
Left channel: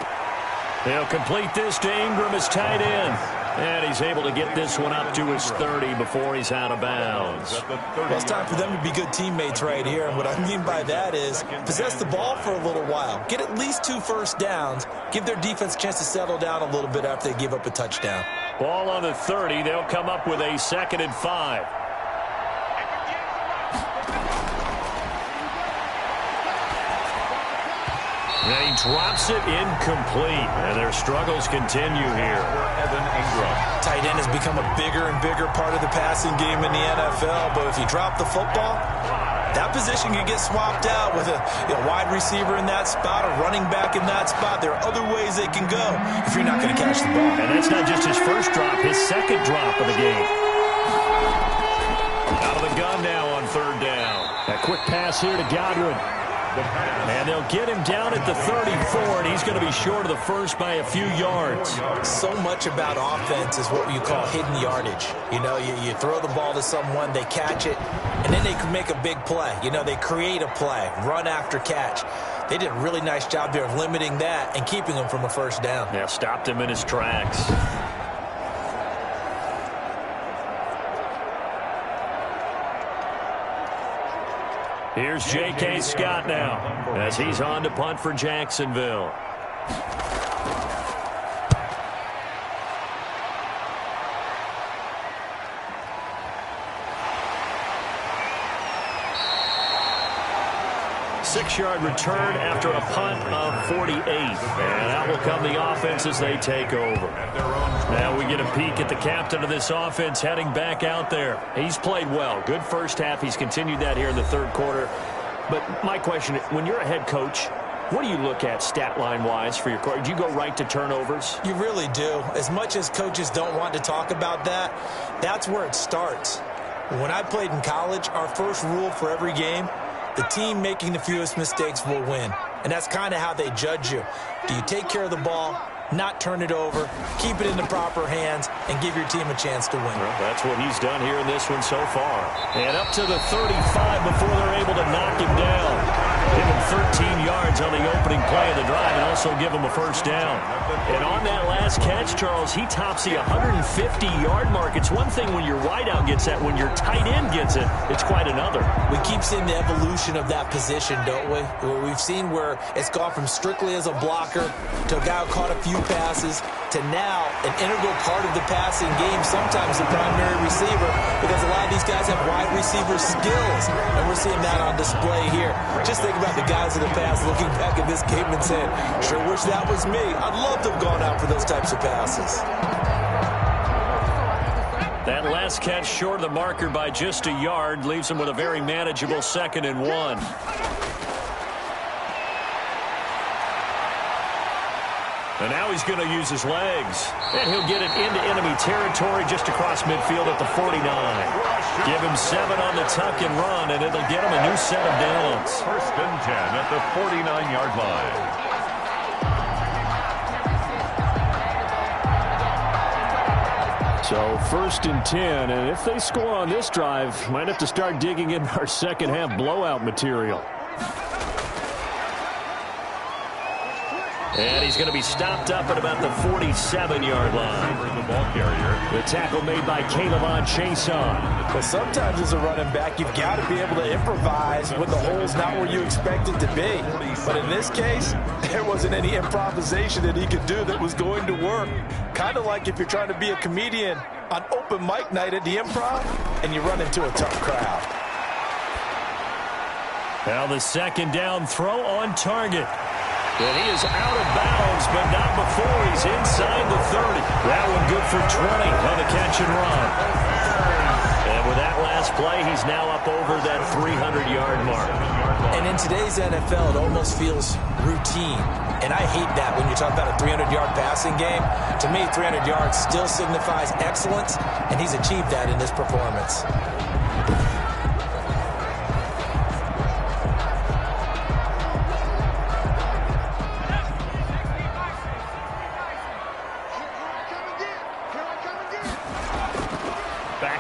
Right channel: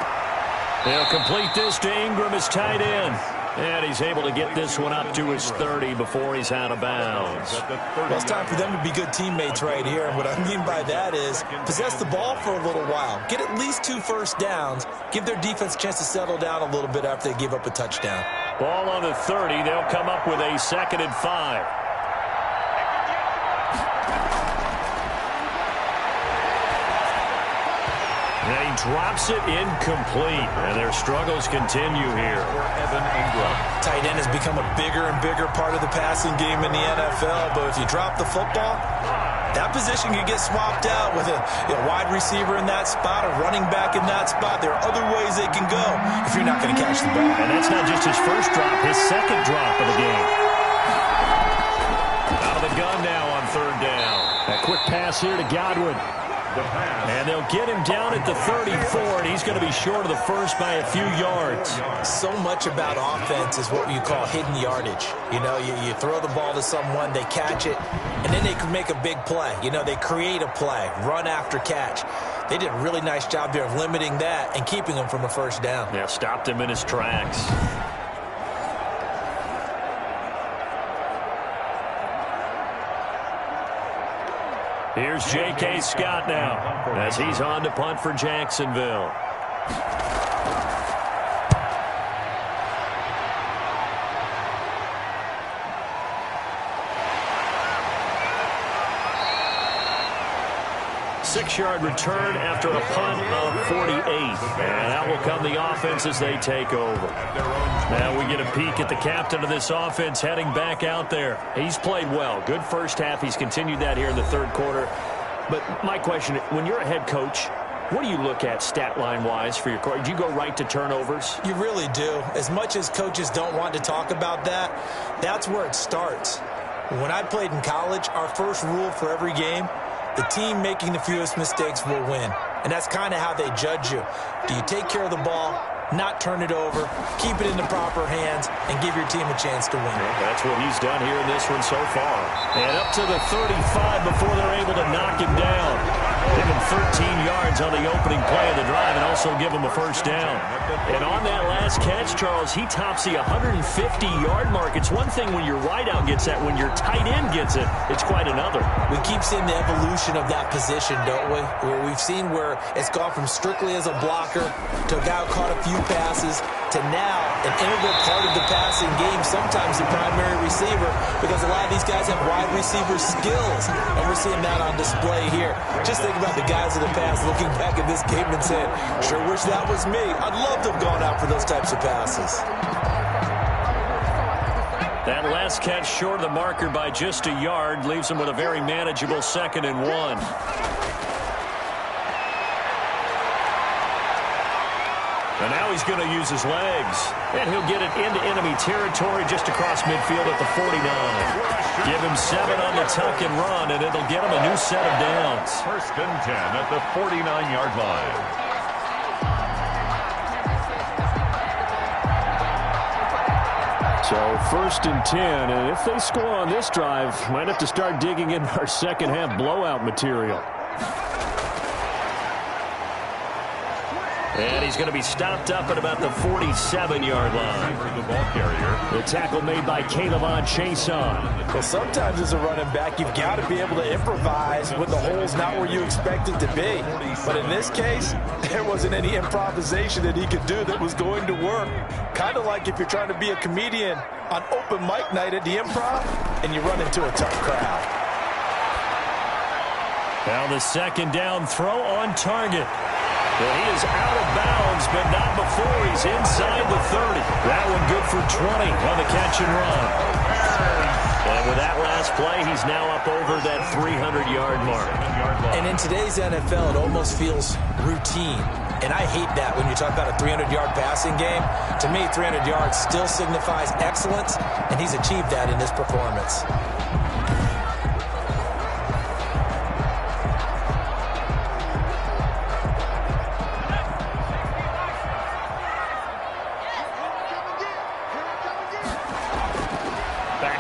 They'll complete this to Ingram as tight end. And he's able to get this one up to his 30 before he's out of bounds. Well, it's time for them to be good teammates right here. And what I mean by that is possess the ball for a little while. Get at least 2 first downs. Give their defense a chance to settle down a little bit after they give up a touchdown. Ball on the 30. They'll come up with a 2nd and 5. And he drops it incomplete. And their struggles continue here. Evan Ingram. Tight end has become a bigger and bigger part of the passing game in the NFL. But if you drop the football, that position can get swapped out with a wide receiver in that spot, a running back in that spot. There are other ways they can go if you're not going to catch the ball. And that's not just his first drop, his 2nd drop of the game. Out of the gun now on 3rd down. A quick pass here to Godwin. And they'll get him down at the 34, and he's going to be short of the first by a few yards. So much about offense is what you call hidden yardage. You know, you throw the ball to someone, they catch it, and then they can make a big play. You know, they create a play, run after catch. They did a really nice job there of limiting that and keeping him from a first down. Yeah, stopped him in his tracks. Here's J.K. Scott now as he's on to punt for Jacksonville. Six-yard return after a punt of 48. And out will come the offense as they take over. Now we get a peek at the captain of this offense heading back out there. He's played well. Good first half. He's continued that here in the 3rd quarter. But my question, when you're a head coach, what do you look at stat line-wise for your coach? Do you go right to turnovers? You really do. As much as coaches don't want to talk about that, that's where it starts. When I played in college, our first rule for every game, the team making the fewest mistakes will win. And that's kind of how they judge you. Do you take care of the ball, not turn it over, keep it in the proper hands, and give your team a chance to win? Well, that's what he's done here in this one so far. And up to the 35 before they're able to knock him down. Give him 13 yards on the opening play of the drive and also give him a first down. And on that last catch, Charles, he tops the 150-yard mark. It's one thing when your wideout gets that. When your tight end gets it, it's quite another. We keep seeing the evolution of that position, don't we? Where we've seen where it's gone from strictly as a blocker to a guy who caught a few passes to now an integral part of the passing game, sometimes the primary receiver, because a lot of these guys have wide receiver skills, and we're seeing that on display here. Just think about the guys in the past looking back at this game and saying, sure wish that was me. I'd love to have gone out for those types of passes. That last catch short of the marker by just a yard leaves him with a very manageable 2nd and 1. And now he's going to use his legs. And he'll get it into enemy territory just across midfield at the 49. Give him 7 on the tuck and run, and it'll get him a new set of downs. 1st and 10 at the 49-yard line. So 1st and 10, and if they score on this drive, might have to start digging in our second half blowout material. And he's going to be stopped up at about the 47-yard line. The ball carrier. The tackle made by Caleb Chason. Well, sometimes as a running back, you've got to be able to improvise when the hole's not where you expect it to be. But in this case, there wasn't any improvisation that he could do that was going to work. Kind of like if you're trying to be a comedian on open mic night at the Improv and you run into a tough crowd. Now the 2nd down throw on target. And he is out of bounds, but not before he's inside the 30. That one good for 20 on the catch and run. And with that last play, he's now up over that 300-yard mark. And in today's NFL, it almost feels routine. And I hate that when you talk about a 300-yard passing game. To me, 300 yards still signifies excellence, and he's achieved that in this performance.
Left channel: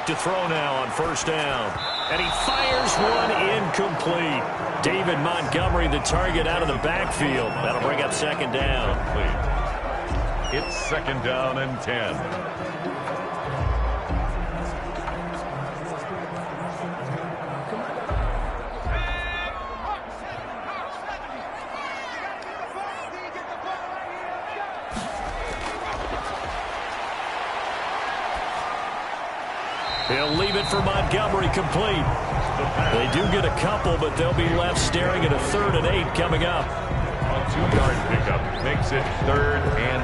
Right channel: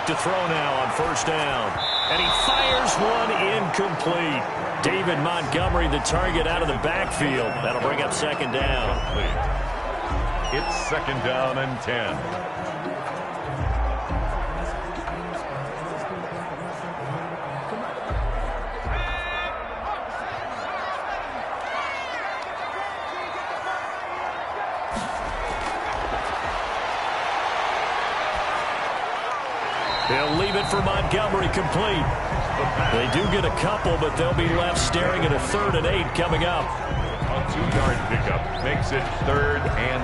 to throw now on first down. And he fires one incomplete. David Montgomery, the target out of the backfield. That'll bring up second down. It's second down and 10. He'll leave it for Montgomery complete. They do get a couple, but they'll be left staring at a 3rd and 8 coming up. A 2-yard pickup makes it 3rd and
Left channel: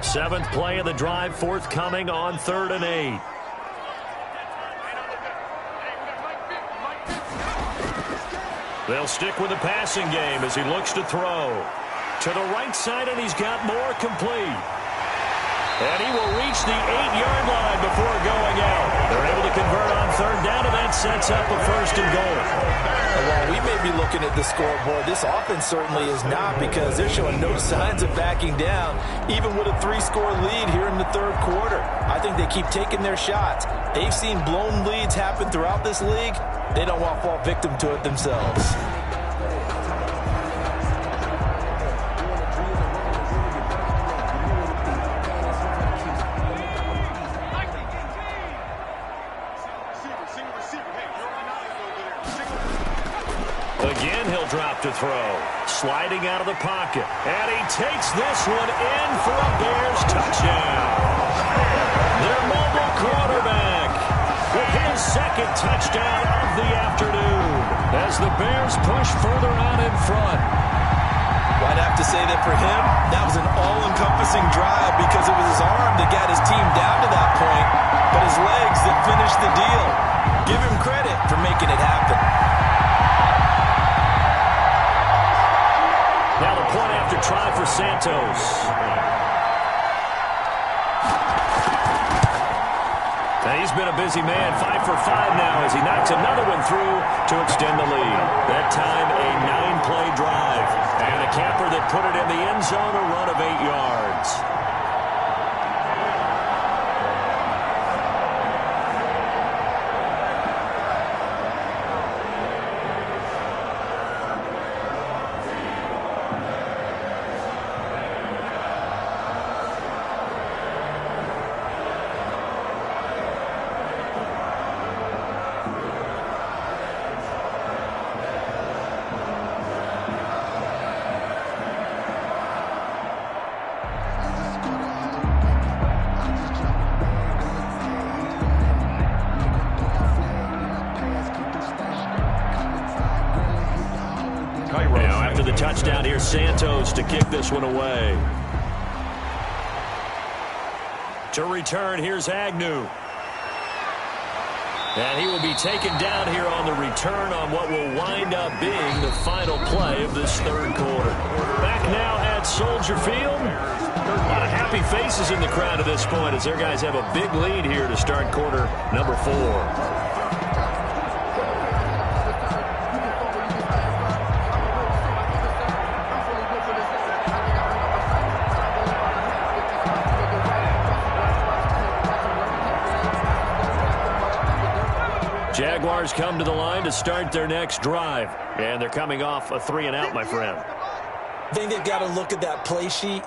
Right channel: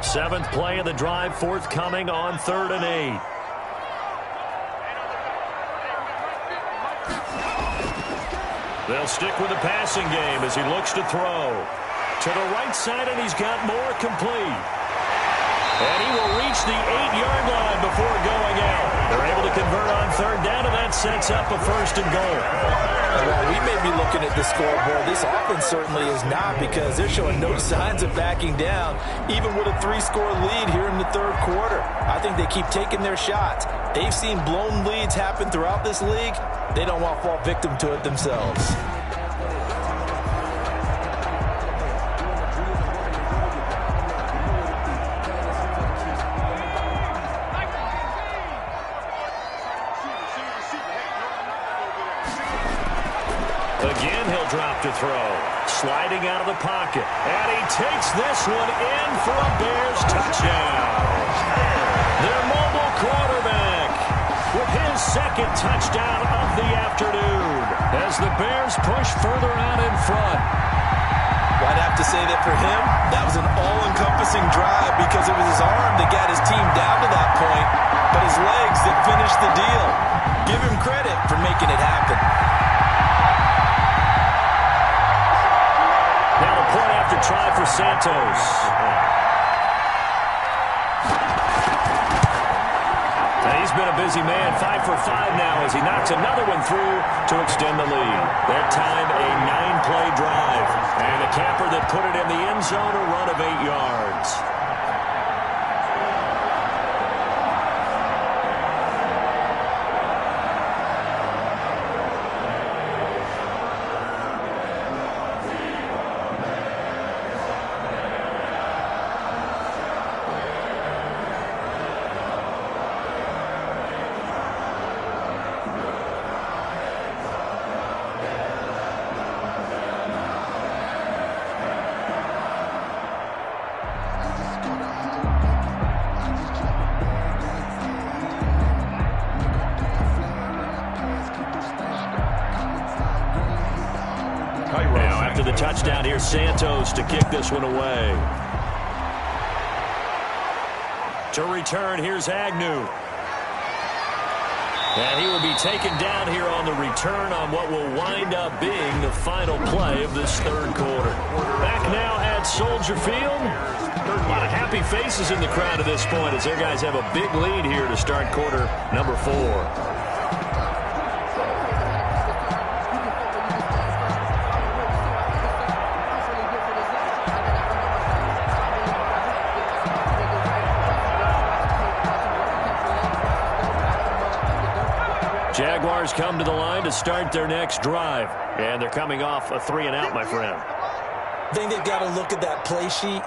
8. Seventh play of the drive forthcoming on 3rd and 8. They'll stick with the passing game as he looks to throw. To the right side, and he's got more complete. And he will reach the 8-yard line before going out. They're able to convert on 3rd down, and that sets up a 1st and goal. And while we may be looking at the scoreboard, this offense certainly is not, because they're showing no signs of backing down, even with a 3-score lead here in the 3rd quarter. I think they keep taking their shots. They've seen blown leads happen throughout this league. They don't want to fall victim to it themselves. Again, he'll drop to throw. Sliding out of the pocket. And he takes this one in for a Bears touchdown. Their mobile quarterback with his 2nd touchdown of the afternoon as the Bears push further out in front. Well, I'd have to say that for him, that was an all-encompassing drive, because it was his arm that got his team down to that point, but his legs that finished the deal. Give him credit for making it happen. Now the point after try for Santos. And he's been a busy man, 5 for 5 now as he knocks another one through to extend the lead. That time a 9-play drive. And a capper that put it in the end zone, a run of 8 yards. Now after the touchdown, here's Santos to kick this one away. To return, here's Agnew. And he will be taken down here on the return on what will wind up being the final play of this 3rd quarter. Back now at Soldier Field. A lot of happy faces in the crowd at this point as their guys have a big lead here to start quarter number 4. Jaguars come to the line to start their next drive. And they're coming off a 3-and-out, my friend. I think they've got to look at that play sheet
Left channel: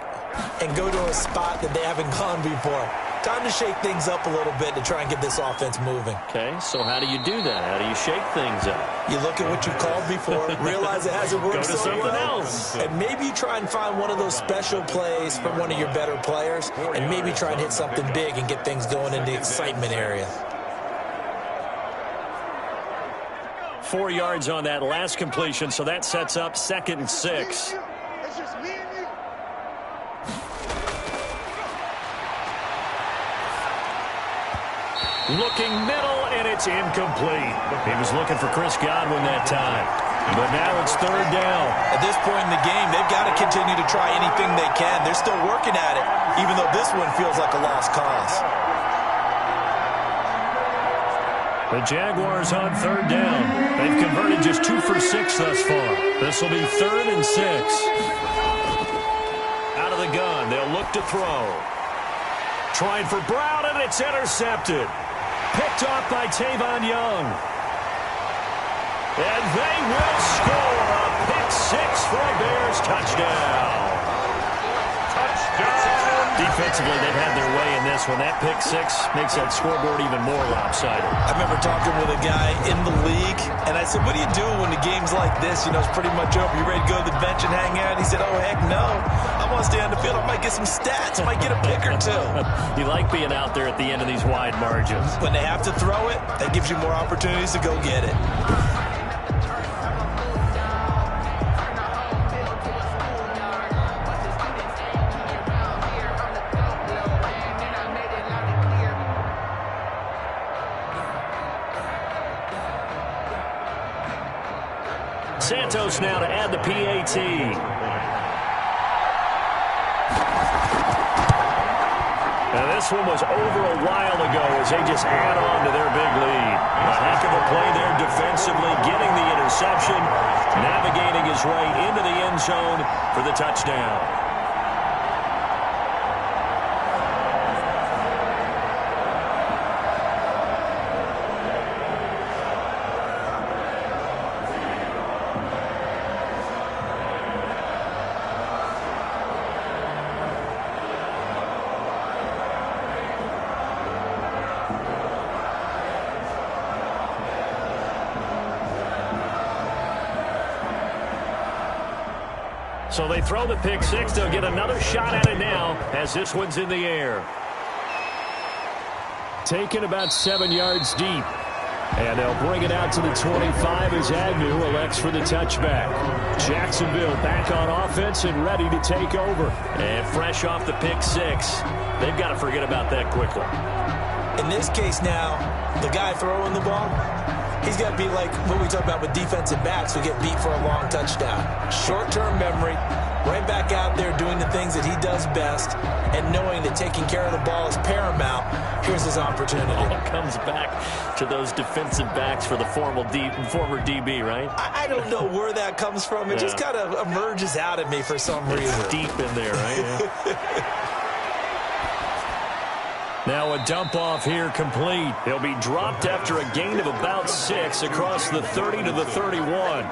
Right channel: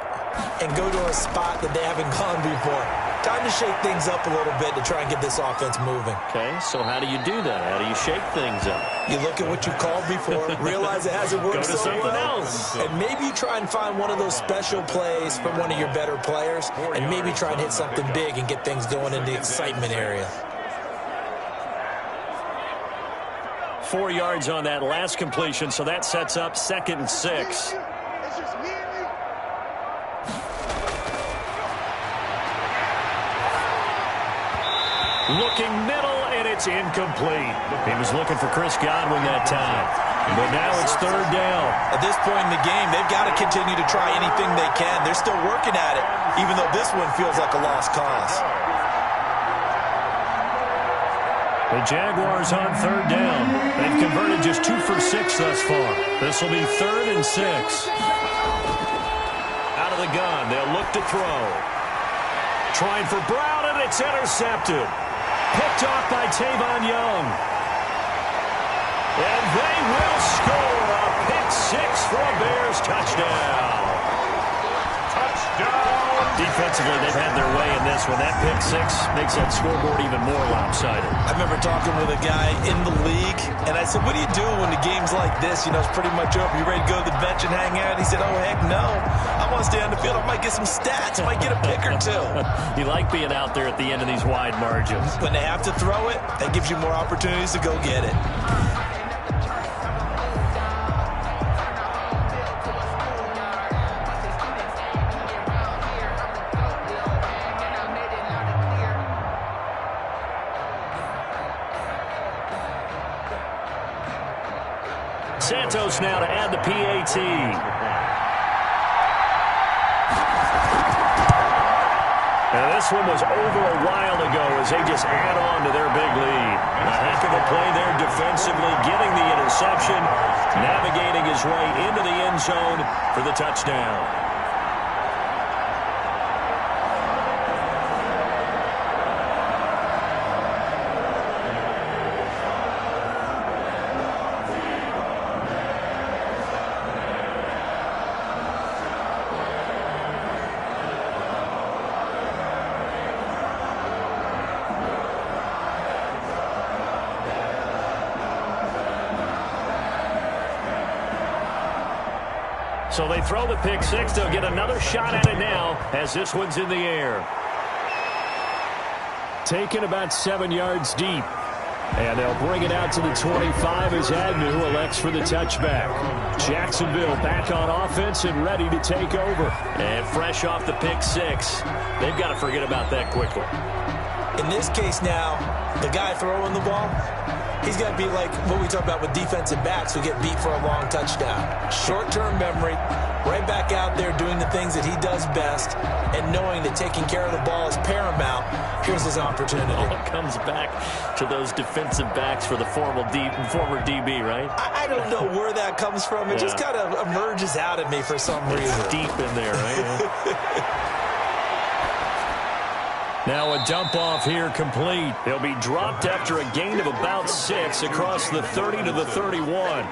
and go to a spot that they haven't gone before. Time to shake things up a little bit to try and get this offense moving. Okay, so how do you do that? How do you shake things up? You look at what you called before, realize it hasn't worked so well. Go to something else. And maybe you try and find one of those special plays from one of your better players, and maybe try and hit something big and get things going in the excitement area. 4 yards on that last completion, so that sets up 2nd and 6. Looking middle, and it's incomplete. He was looking for Chris Godwin that time. But now it's 3rd down. At this point in the game, they've got to continue to try anything they can. They're still working at it, even though this one feels like a lost cause. The Jaguars on third down. They've converted just 2 for 6 thus far. This will be 3rd and 6. Out of the gun, they'll look to throw. Trying for Brown, and it's intercepted. Picked off by Tavon Young. And they will score a pick 6 for a Bears touchdown. Touchdown! Defensively, they've had their way in this one. That pick 6 makes that scoreboard even more lopsided. I remember talking with a guy in the league, and I said, what do you do when the game's like this? You know, it's pretty much over. You ready to go to the bench and hang out? He said, oh, heck no. I want to stay on the field. I might get some stats. I might get a pick or two. You like being out there at the end of these wide margins. When they have to throw it, that gives you more opportunities to go get it. Santos now to add the PAT. And this one was over a while ago as they just add on to their big lead. A heck of a play there defensively, getting the interception, navigating his way into the end zone for the touchdown. So they throw the pick 6. They'll get another shot at it now as this one's in the air. Taken about 7 yards deep. And they'll bring it out to the 25 as Agnew elects for the touchback. Jacksonville back on offense and ready to take over. And fresh off the pick 6. They've got to forget about that quickly. In this case now, the guy throwing the ball, he's got to be like what we talk about with defensive backs who get beat for a long touchdown. Short-term memory, right back out there doing the things that he does best, and knowing that taking care of the ball is paramount. Here's his opportunity. All comes back to those defensive backs for the former DB, right? I don't know where that comes from. It just kind of emerges out of me for some reason. It's deep in there, right? Yeah. Now a dump off here complete. He'll be dropped after a gain of about 6 across the 30 to the 31.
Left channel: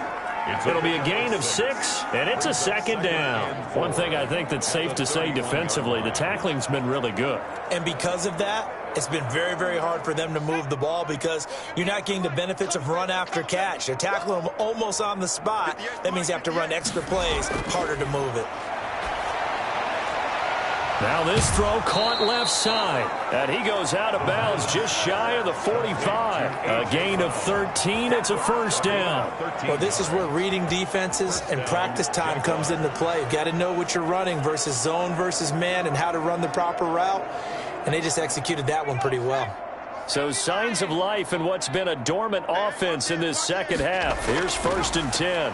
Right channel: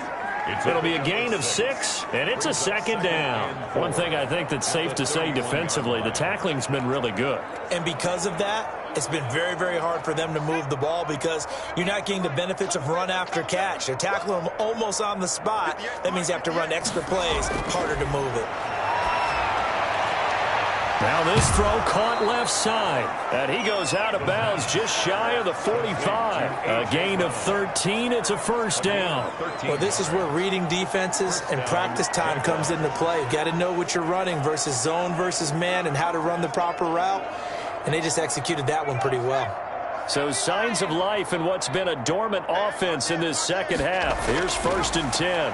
It'll be a gain of 6, and it's a 2nd down. One thing I think that's safe to say defensively, the tackling's been really good. And because of that, it's been very, very hard for them to move the ball because you're not getting the benefits of run after catch. They're tackling them almost on the spot. That means you have to run extra plays, harder to move it. Now this throw caught left side, and he goes out of bounds just shy of the 45. A gain of 13. It's a 1st down. Well, this is where reading defenses and practice time comes into play. You've got to know what you're running versus zone versus man and how to run the proper route, and they just executed that one pretty well. So signs of life in what's been a dormant offense in this second half. Here's 1st and 10.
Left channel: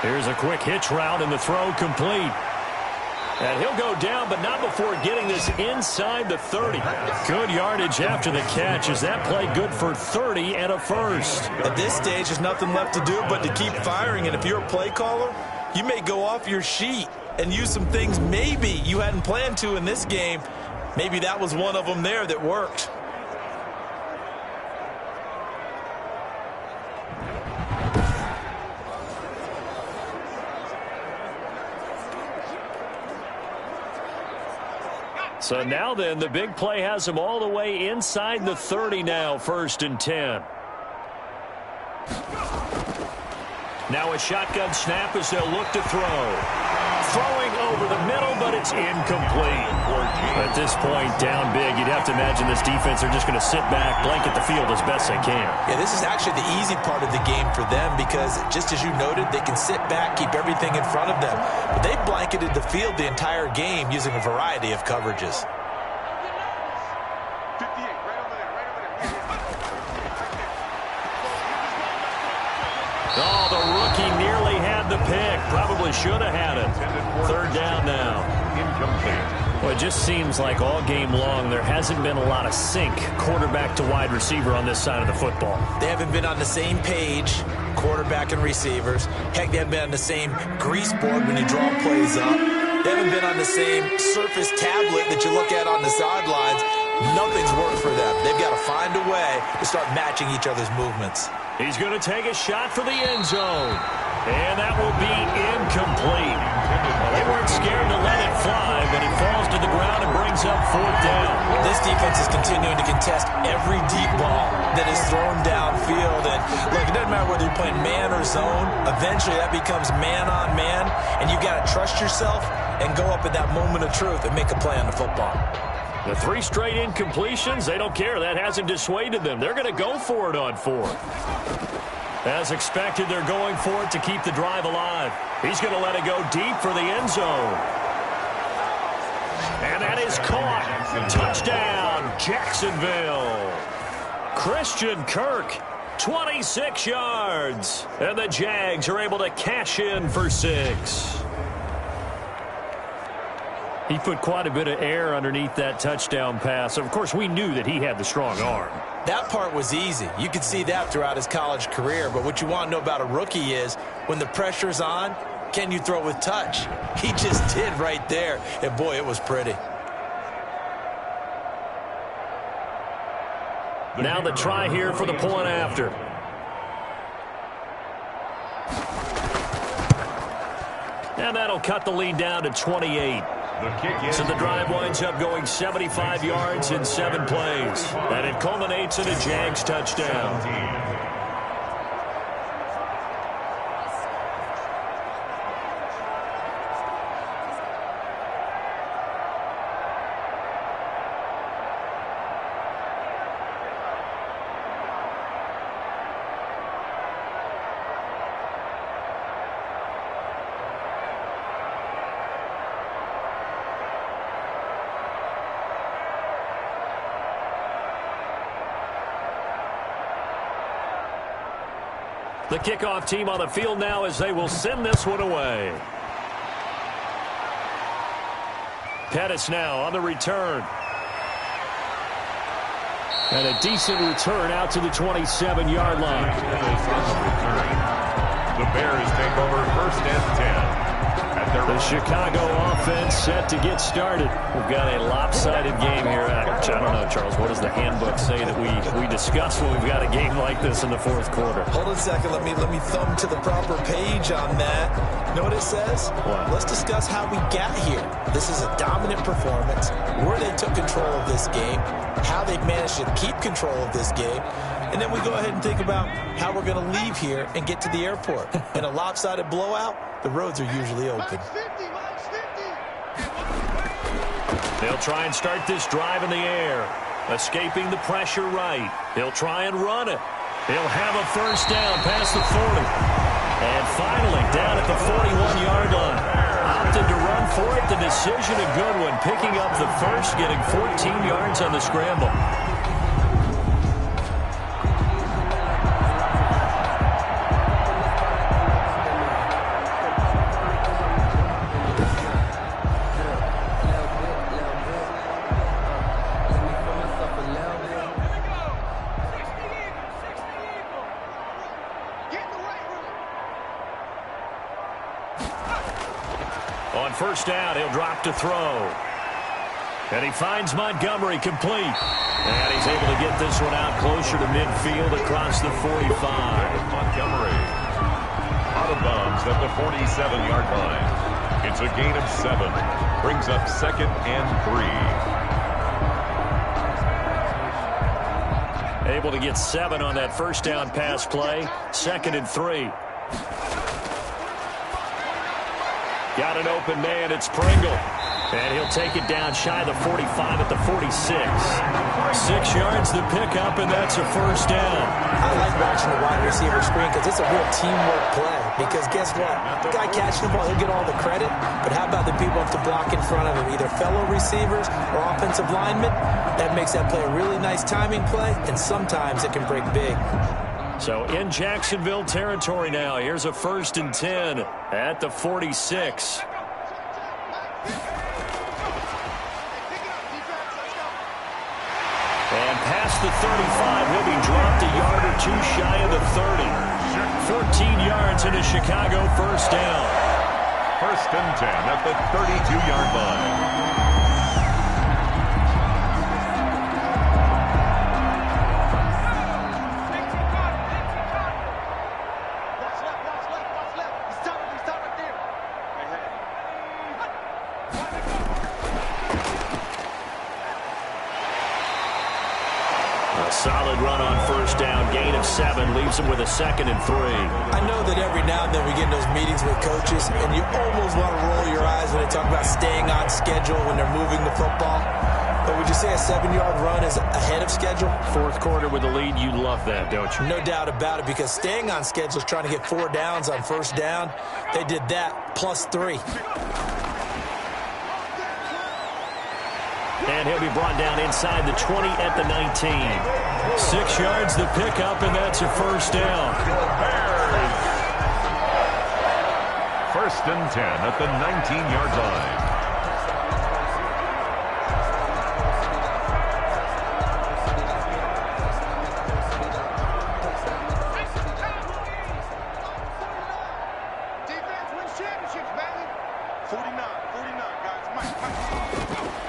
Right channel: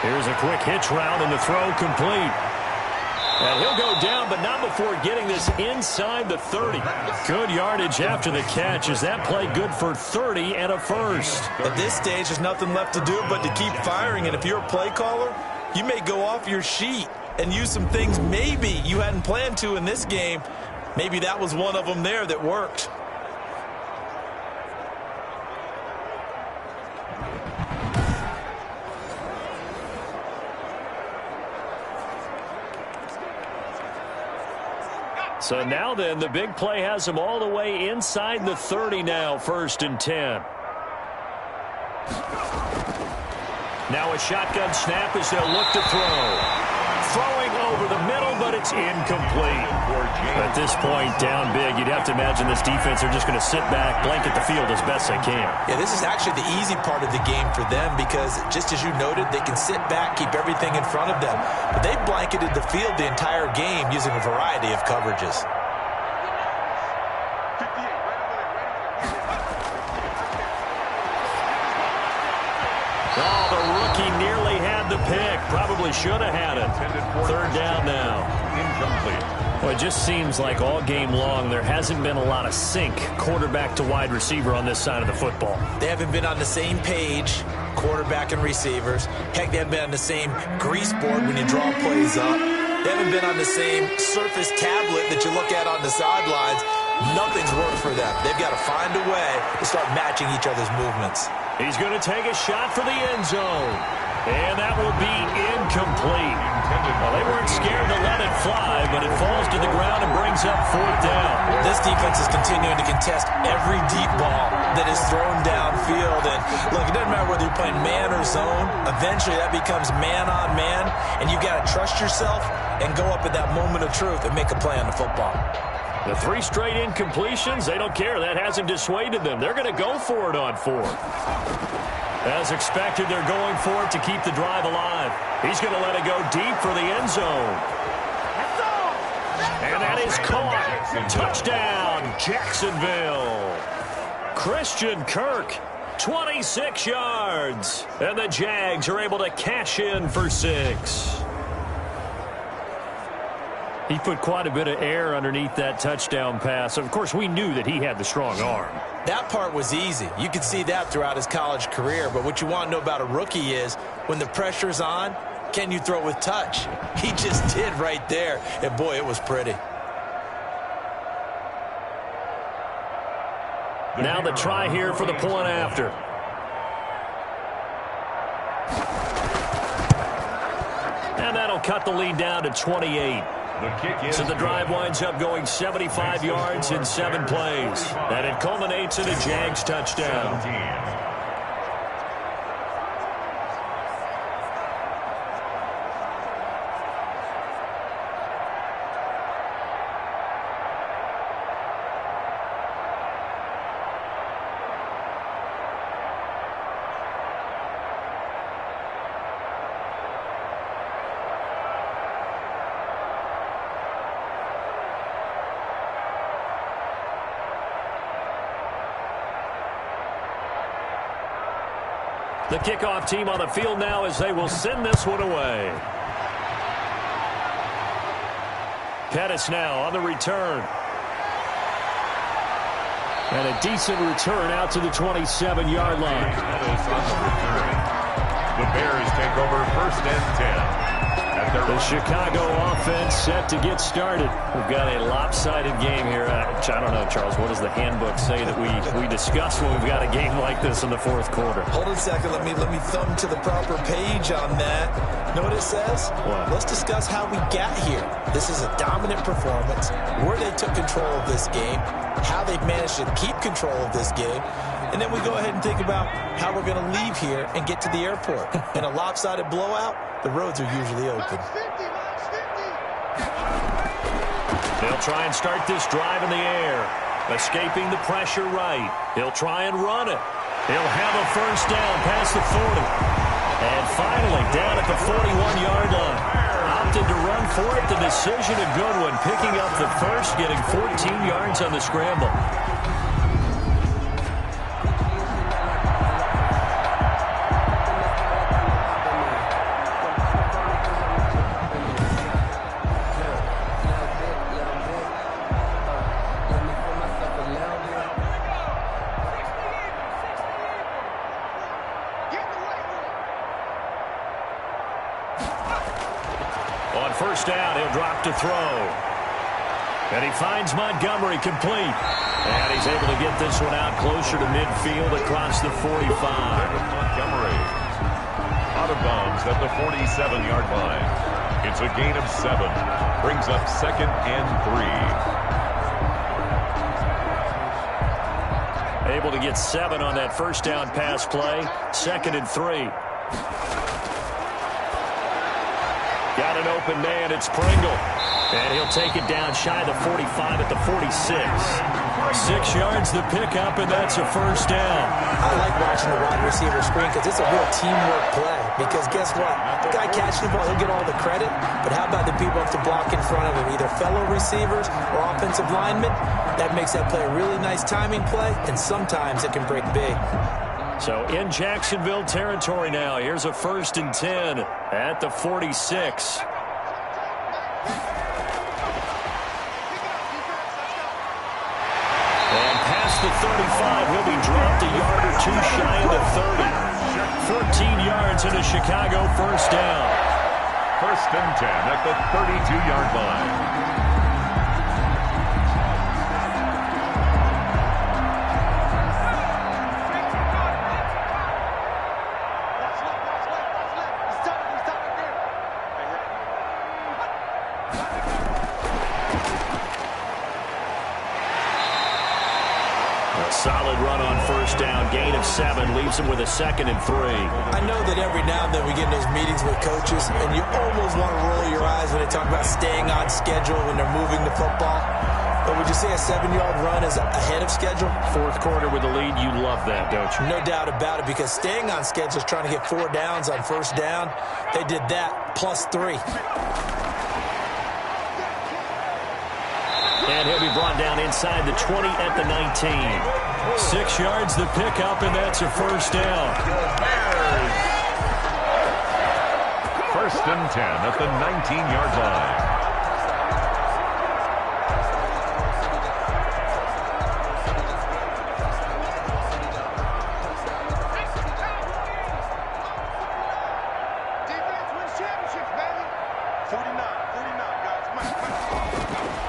Here's a quick hitch route, and the throw complete. And he'll go down, but not before getting this inside the 30. Good yardage after the catch. Is that play good for 30 and a 1st? At this stage, there's nothing left to do but to keep firing. And if you're a play caller, you may go off your sheet and use some things maybe you hadn't planned to in this game. Maybe that was one of them there that worked. So now then, the big play has them all the way inside the 30 now, 1st and 10. Now a shotgun snap as they'll look to throw. Throwing over the middle, but it's incomplete. At this point, down big, you'd have to imagine this defense are just going to sit back, blanket the field as best they can. Yeah, this is actually the easy part of the game for them because, just as you noted, they can sit back, keep everything in front of them. But they've blanketed the field the entire game using a variety of coverages. Oh, the rookie nearly had the pick. Probably should have had it. 3rd down now. Incomplete. Well, it just seems like all game long there hasn't been a lot of sync quarterback to wide receiver on this side of the football. They haven't been on the same page, quarterback and receivers. Heck, they haven't been on the same grease board when you draw plays up. They haven't been on the same surface tablet that you look at on the sidelines. Nothing's worked for them. They've got to find a way to start matching each other's movements. He's going to take a shot for the end zone. And that will be incomplete. Well, they weren't scared to let it fly, but it falls to the ground and brings up 4th down. This defense is continuing to contest every deep ball that is thrown downfield. And look, it doesn't matter whether you're playing man or zone. Eventually that becomes man on man, and you got to trust yourself and go up at that moment of truth and make a play on the football. The 3 straight incompletions, they don't care. That hasn't dissuaded them. They're going to go for it on 4th. As expected, they're going for it to keep the drive alive. He's going to let it go deep for the end zone. And that is caught. Touchdown, Jacksonville. Christian Kirk, 26 yards. And the Jags are able to cash in for 6. He put quite a bit of air underneath that touchdown pass. Of course, we knew that he had the strong arm. That part was easy. You could see that throughout his college career. But what you want to know about a rookie is when the pressure's on, can you throw with touch? He just did right there. And, boy, it was pretty. Now the try here for the point after. And that'll cut the lead down to 28. So the drive winds up going 75 yards in 7 plays. And it culminates in a Jags touchdown. 17. The kickoff team on the field now as they will send this one away. Pettis now on the return. And a decent return out to the 27-yard line. Pettis on the return. The Bears take over 1st and 10. The Chicago offense set to get started. We've got a lopsided game here. I don't know, Charles, what does the handbook say that we discuss when we've got a game like this in the 4th quarter? Hold on a second. Let me thumb to the proper page on that. Know what it says? What? Let's discuss how we got here. This is a dominant performance, where they took control of this game, how they've managed to keep control of this game, and then we go ahead and think about how we're going to leave here and get to the airport. In a lopsided blowout, the roads are usually open. They'll try and start this drive in the air. Escaping the pressure right. He'll try and run it. He'll have a 1st down past the 40. And finally, down at the 41-yard line. Opted to run for it. The decision a good one. Picking up the 1st, getting 14 yards on the scramble. On 1st down, he'll drop to throw. And he finds Montgomery complete. And he's able to get this one out closer to midfield across the 45. Montgomery out of bounds at the 47-yard line. It's a gain of 7. Brings up 2nd and 3. Able to get 7 on that 1st down pass play. 2nd and 3. Got an open man. It's Pringle. And he'll take it down shy of the 45 at the 46. 6 yards to pick up, and that's a 1st down. I like watching the wide receiver screen because it's a real teamwork play. Because guess what? The guy catching the ball, he'll get all the credit. But how about the people up to block in front of him, either fellow receivers or offensive linemen? That makes that play a really nice timing play, and sometimes it can break big. So in Jacksonville territory now. Here's a 1st and 10 at the 46. past the 35. He'll be dropped a yard or two shy of the 30. 14 yards and a Chicago first down. First and 10 at the 32-yard line. A solid run on first down. Gain of 7 leaves him with a 2nd and 3. I know that every now and then we get in those meetings with coaches, and you almost want to roll your eyes when they talk about staying on schedule when they're moving the football. But would you say a 7-yard run is ahead of schedule? Fourth quarter with the lead, you love that, don't you? No doubt about it, because staying on schedule is trying to get 4 downs on first down. They did that plus 3. And he'll be brought down inside the 20 at the 19. 6 yards the pickup, and that's a first down. First and 10 at the 19-yard line.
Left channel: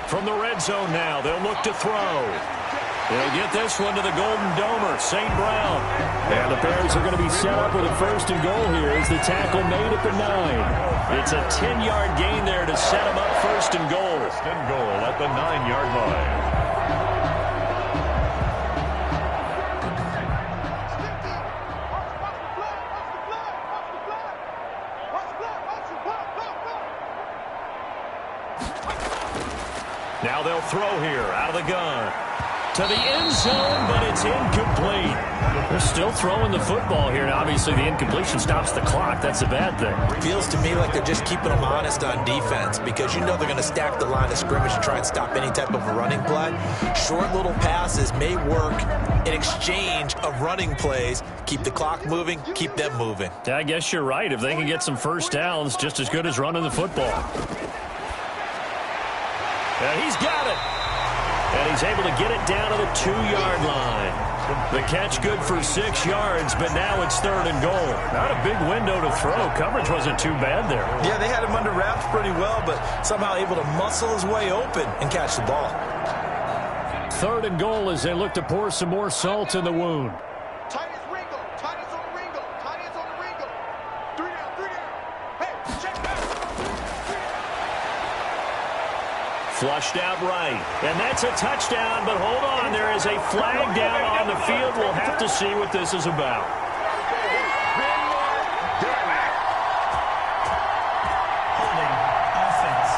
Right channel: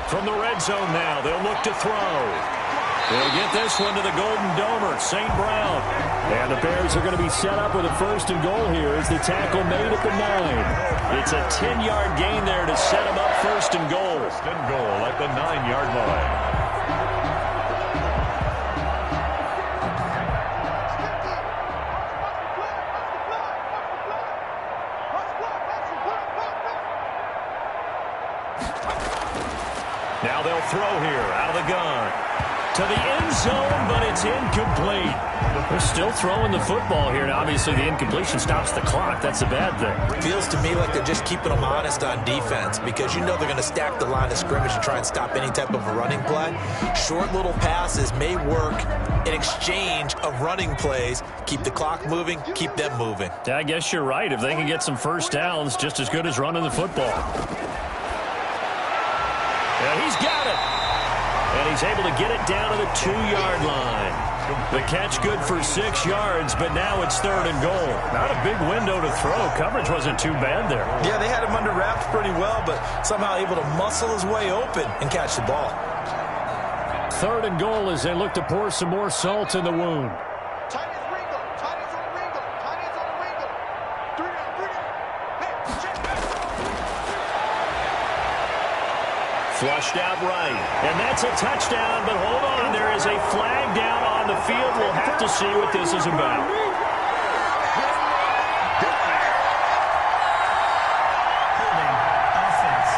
From the red zone now, they'll look to throw. They'll get this one to the Golden Domer, St. Brown. And the Bears are going to be set up with a first and goal here as the tackle made at the 9. It's a 10-yard gain there to set them up first and goal. First and goal at the 9-yard line. Now they'll throw here out of the gun. To the end zone, but it's incomplete. They're still throwing the football here. Now, obviously, the incompletion stops the clock. That's a bad thing. Feels to me like they're just keeping them honest on defense, because you know they're going to stack the line of scrimmage and try and stop any type of a running play. Short little passes may work in exchange of running plays. Keep the clock moving, keep them moving. Yeah, I guess you're right. If they can get some first downs, just as good as running the football. And he's got it. And he's able to get it down to the 2-yard line. The catch good for 6 yards, but now it's 3rd and goal. Not a big window to throw. Coverage wasn't too bad there. Yeah, they had him under wraps pretty well, but somehow able to muscle his way open and catch the ball. 3rd and goal as they look to pour some more salt in the wound. Flushed out right. And that's a touchdown, but hold on. There is a flag down on the field. We'll have to see what this is about. Holding offense.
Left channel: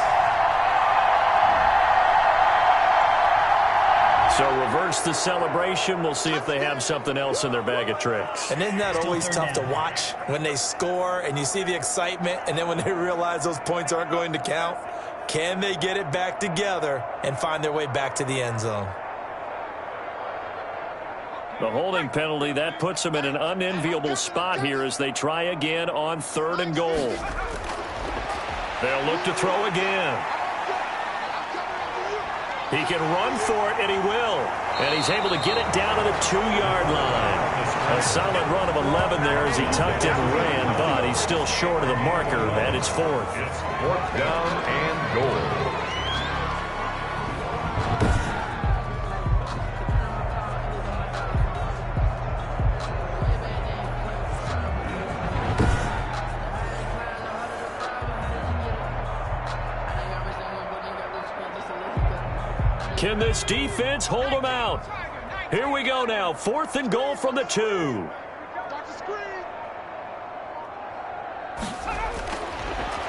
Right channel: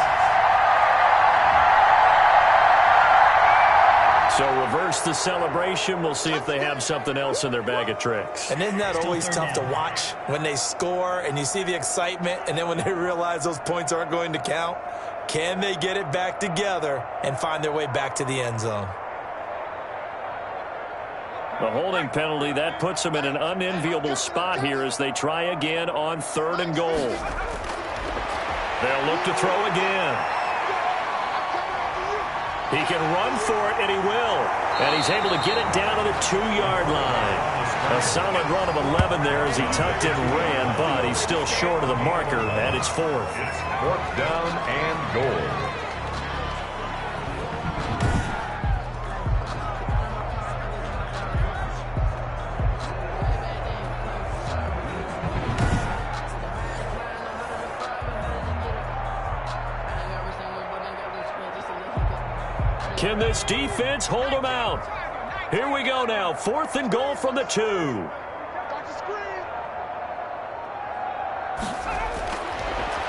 So reverse the celebration. We'll see if they have something else in their bag of tricks. And isn't that always tough to watch when they score and you see the excitement, and then when they realize those points aren't going to count? Can they get it back together and find their way back to the end zone? The holding penalty, that puts them in an unenviable spot here as they try again on 3rd and goal. They'll look to throw again. He can run for it, and he will. And he's able to get it down to the 2-yard line. A solid run of 11 there as he tucked and ran, but he's still short of the marker, and it's 4th. It's 4th down and goal. Can this defense hold them out? Here we go now. 4th and goal from the 2.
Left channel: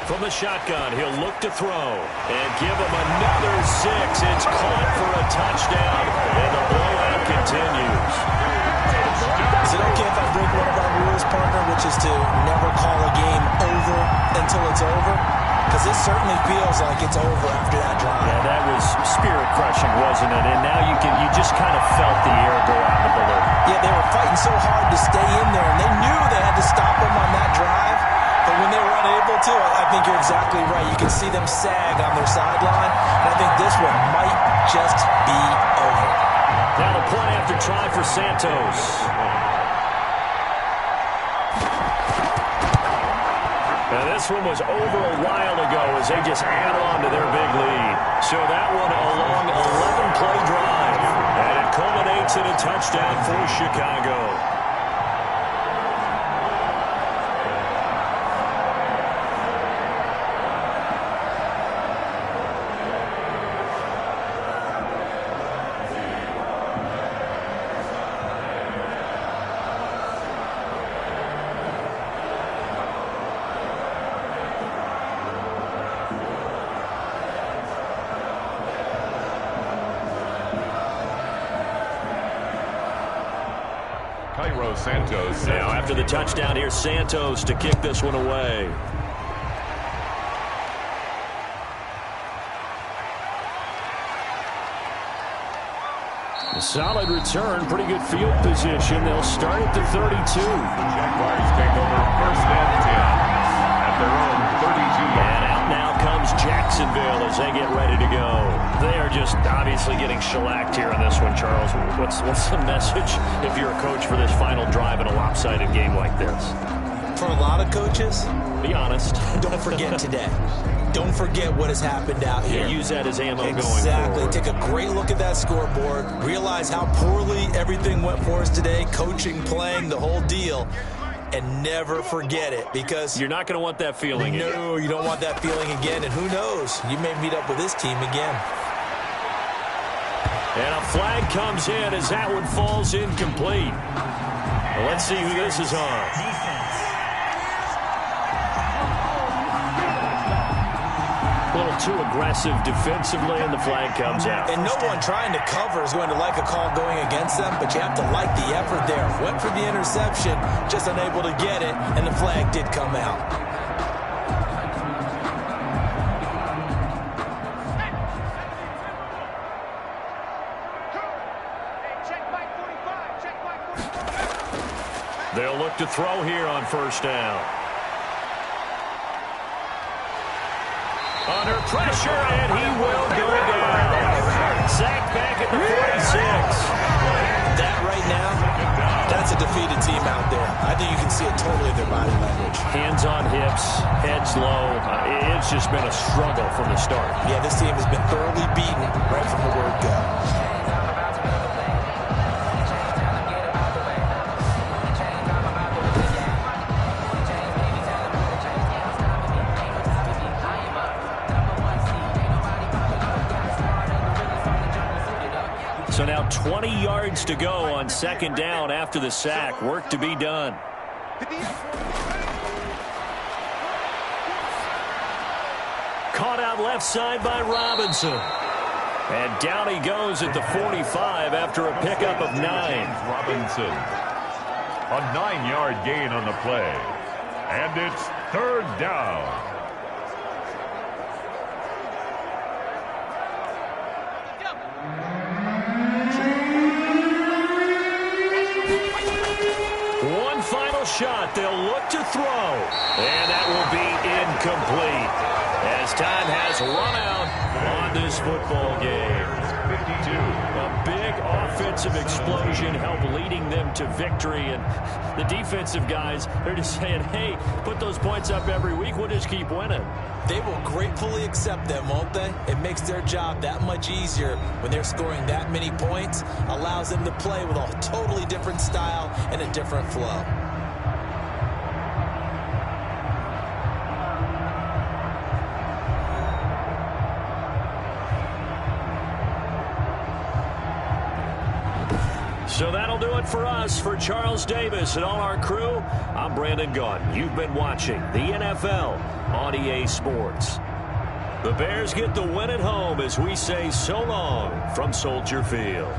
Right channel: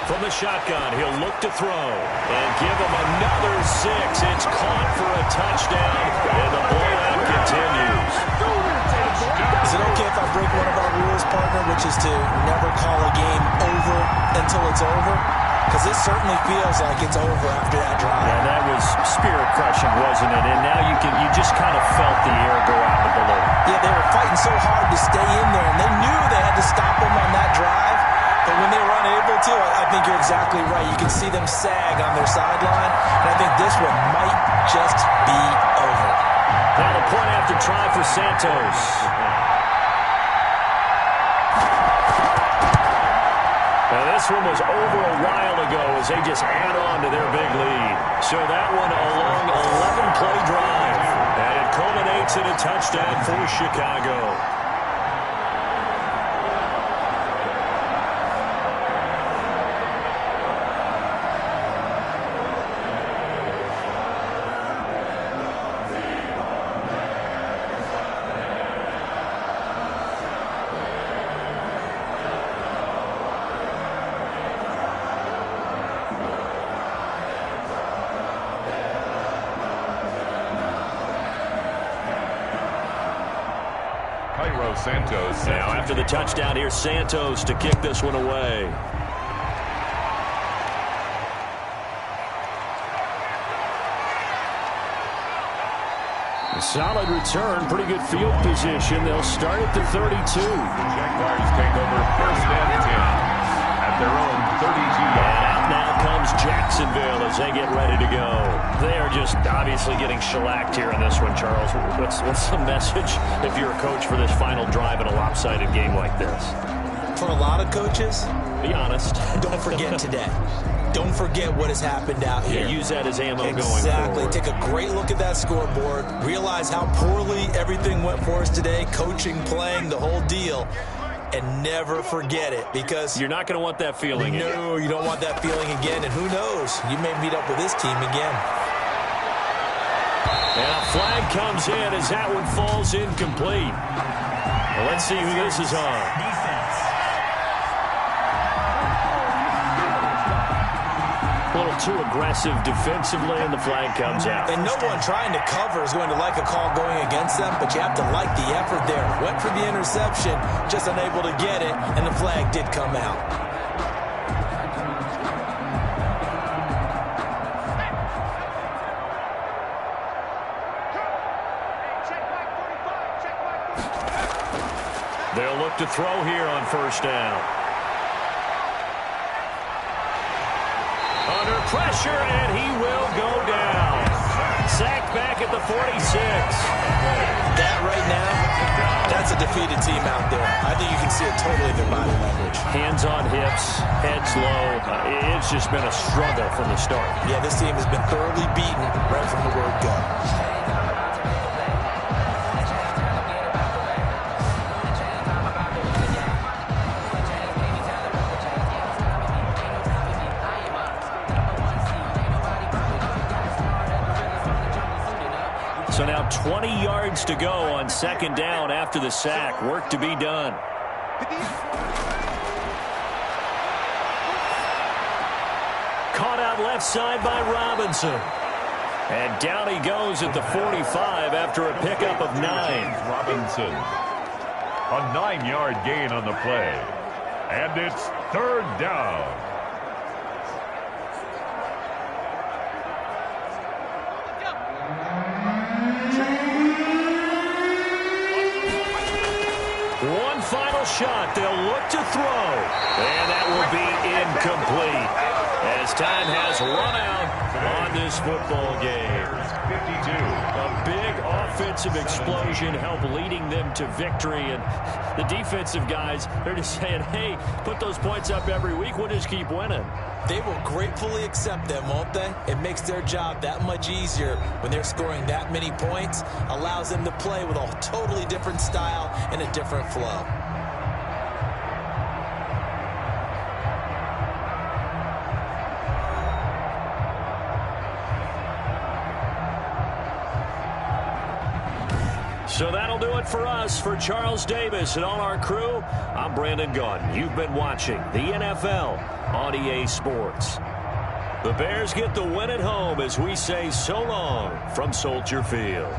From the shotgun, he'll look to throw and give him another 6. It's caught for a touchdown, and the blowout continues. Is it okay if I break one of our rules, partner, which is to never call a game over until it's over? Because it certainly feels like it's over after that drive. Yeah, that was spirit-crushing, wasn't it? And now you just kind of felt the air go out of the balloon. Yeah, they were fighting so hard to stay in there, and they knew they had to stop them on that drive. But when they were unable to, I think you're exactly right. You can see them sag on their sideline, and I think this one might just be over. Now the point after try for Santos. Now this one was over a while ago as they just add on to their big lead. So that one a long 11-play drive. And it culminates in a touchdown for Chicago. Santos. Now after the touchdown, here's Santos to kick this one away. A solid return, pretty good field position. They'll start at the 32. The Jaguars take over first and 10 at their own 32. And out now comes Jacksonville as they get ready to go. They are just obviously getting shellacked here in this one, Charles. What's the message if you're a coach for this final drive in a lopsided game like this? For a lot of coaches, be honest. Don't forget today. Don't forget what has happened out here. Yeah, use that as ammo going forward. Exactly. Take a great look at that scoreboard. Realize how poorly everything went for us today. Coaching, playing, the whole deal. And never forget it, because you're not going to want that feeling again. No, you don't want that feeling again. And who knows? You may meet up with this team again. And a flag comes in as that one falls incomplete. Well, let's see who this is on. Defense. A little too aggressive defensively, and the flag comes out. And no one trying to cover is going to like a call going against them, but you have to like the effort there. Went for the interception, just unable to get it, and the flag did come out. They'll look to throw here on first down. Under pressure, and he will go down. Sacked back at the 46. That right now, that's a defeated team out there. I think you can see it totally in their body language. Hands on hips, heads low. It's just been a struggle from the start. Yeah, this team has been thoroughly beaten right from the word go. So now 20 yards to go on second down after the sack. Work to be done. Caught out left side by Robinson. And down he goes at the 45 after a pickup of 9. Robinson. A 9-yard gain on the play. And it's third down. One final shot. They'll look to throw. And that will be incomplete as time has run out on this football game. 52. A big offensive explosion helped leading them to victory. And the defensive guys, they're just saying, hey, put those points up every week. We'll just keep winning. They will gratefully accept them, won't they? It makes their job that much easier when they're scoring that many points. Allows them to play with a totally different style and a different flow. So that'll do it for us. For Charles Davis and all our crew, I'm Brandon Gaudin. You've been watching the NFL on EA Sports. The Bears get the win at home as we say so long from Soldier Field.